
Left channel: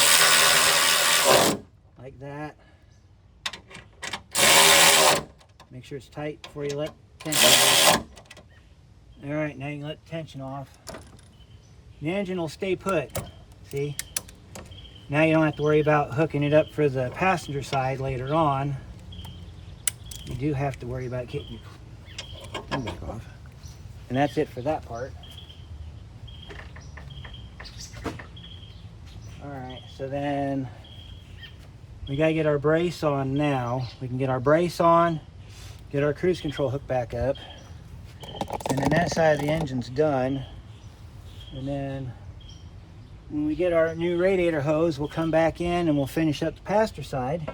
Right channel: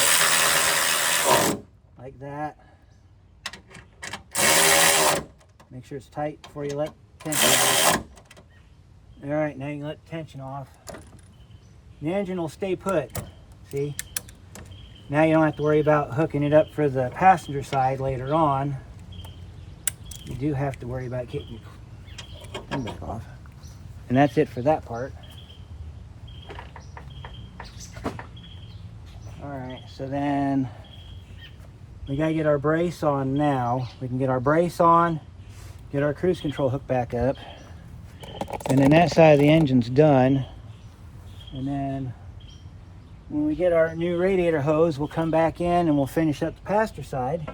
Like that. Make sure it's tight before you let tension off. Alright, now you can let the tension off. The engine will stay put. See? Now you don't have to worry about hooking it up for the passenger side later on. you do have to worry about getting your thing back off. And that's it for that part. Alright, so then we gotta get our brace on now. We can get our brace on, get our cruise control hooked back up, and then that side of the engine's done. And then when we get our new radiator hose, we'll come back in and we'll finish up the passenger side.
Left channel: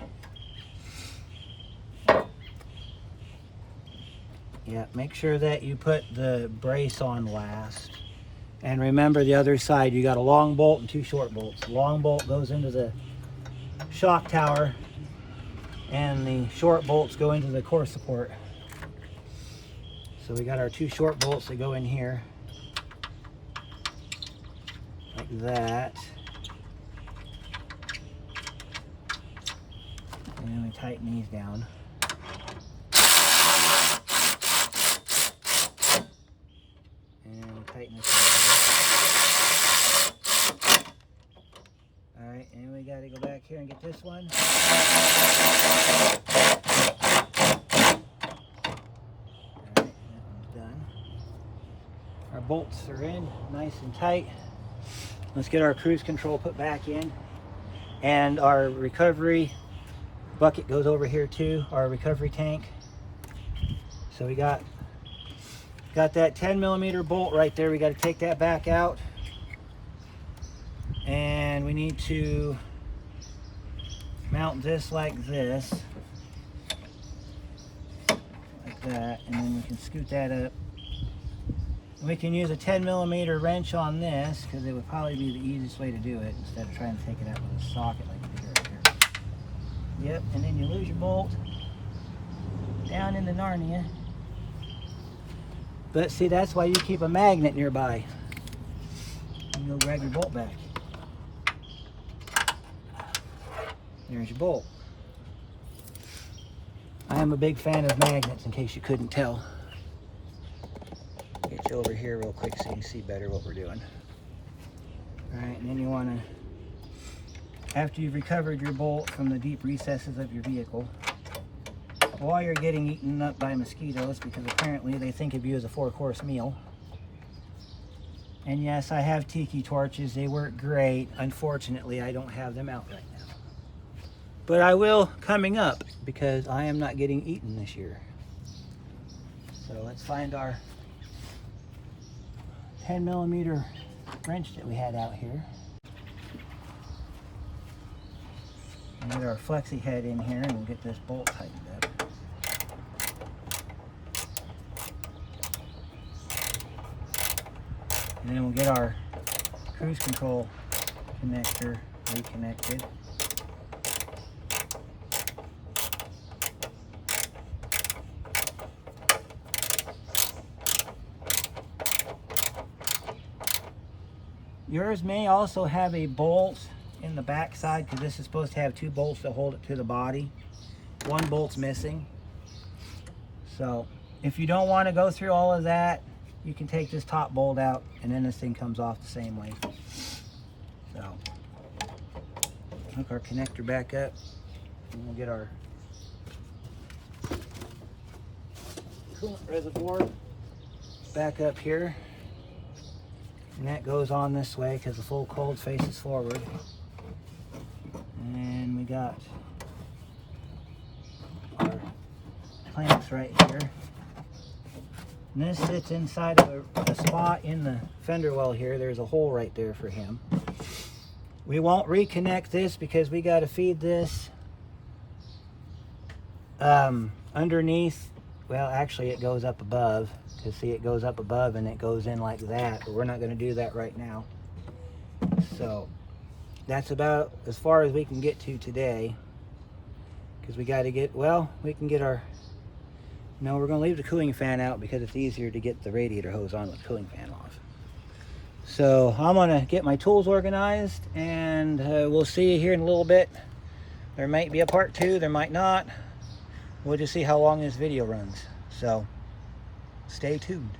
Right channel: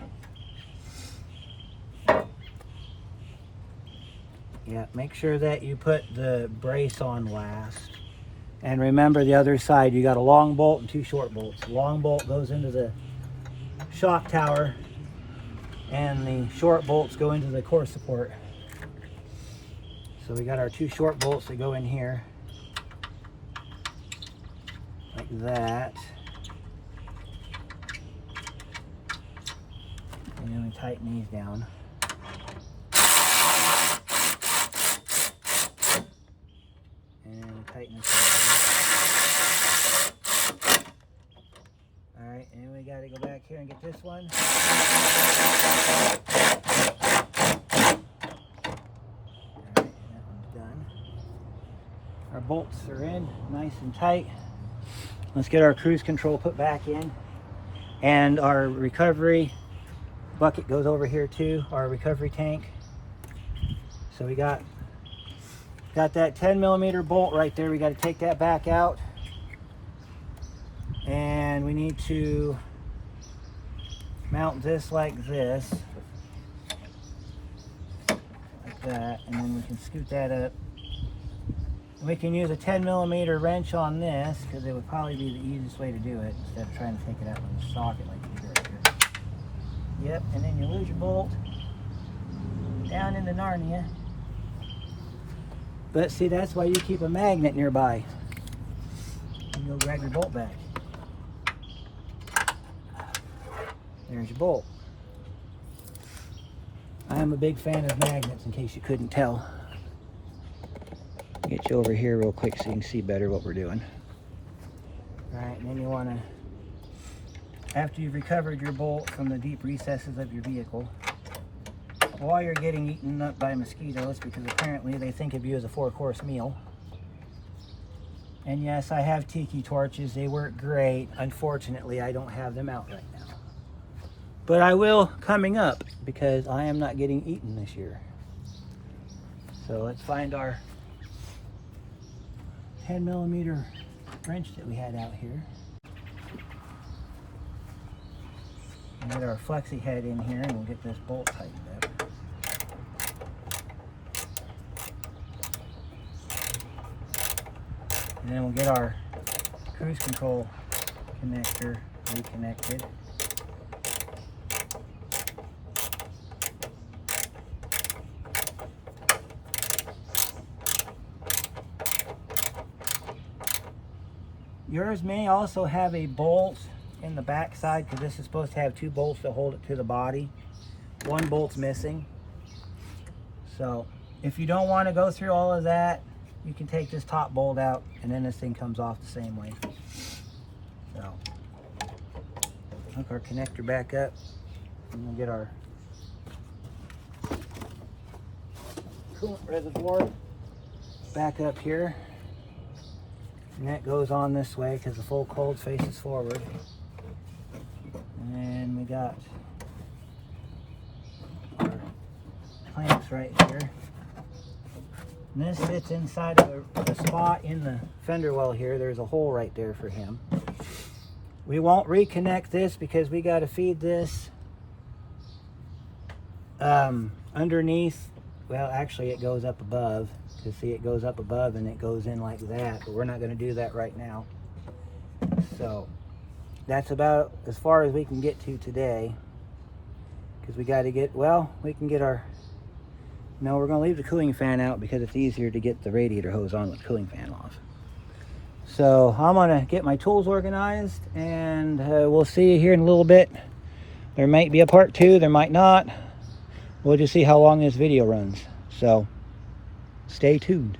Yeah, make sure that you put the brace on last. And remember, the other side, you got a long bolt and two short bolts. The long bolt goes into the shock tower, and the short bolts go into the core support. So we got our two short bolts that go in here, like that. And then we tighten these down. Tighten this down. Alright, and we got to go back here and get this one. Alright, that one's done. Our bolts are in nice and tight. Let's get our cruise control put back in. And our recovery bucket goes over here too, our recovery tank. So we got that 10mm bolt right there. We got to take that back out, and we need to mount this like this, like that, and then we can scoot that up. And we can use a 10mm wrench on this because it would probably be the easiest way to do it instead of trying to take it out with a socket like you do right here. Yep, and then you lose your bolt down in the Narnia. But see, that's why you keep a magnet nearby. And you'll grab your bolt back. There's your bolt. I am a big fan of magnets, in case you couldn't tell. Get you over here real quick so you can see better what we're doing. Alright, and then you want to, after you've recovered your bolt from the deep recesses of your vehicle, while you're getting eaten up by mosquitoes, because apparently they think of you as a 4-course meal. And yes, I have tiki torches. They work great. Unfortunately, I don't have them out right now. But I will coming up, because I am not getting eaten this year. So let's find our 10mm wrench that we had out here. And get our flexi head in here, and we'll get this bolt tightened up. And then we'll get our cruise control connector reconnected. Yours may also have a bolt in the back side, because this is supposed to have 2 bolts to hold it to the body. 1 bolt's missing. So if you don't want to go through all of that, you can take this top bolt out, and then this thing comes off the same way. So hook our connector back up, and we'll get our coolant reservoir back up here. And that goes on this way because the full cold faces forward. And we got our clamps right here. And this sits inside of a spot in the fender well here. There's a hole right there for him. We won't reconnect this because we got to feed this underneath. Well, actually it goes up above. Because see, it goes up above and it goes in like that. But we're not going to do that right now. So that's about as far as we can get to today. Because we got to get, well, we can get our, no, we're going to leave the cooling fan out because it's easier to get the radiator hose on with the cooling fan off. So I'm going to get my tools organized, and we'll see you here in a little bit. There might be a part 2, there might not. We'll just see how long this video runs. So stay tuned.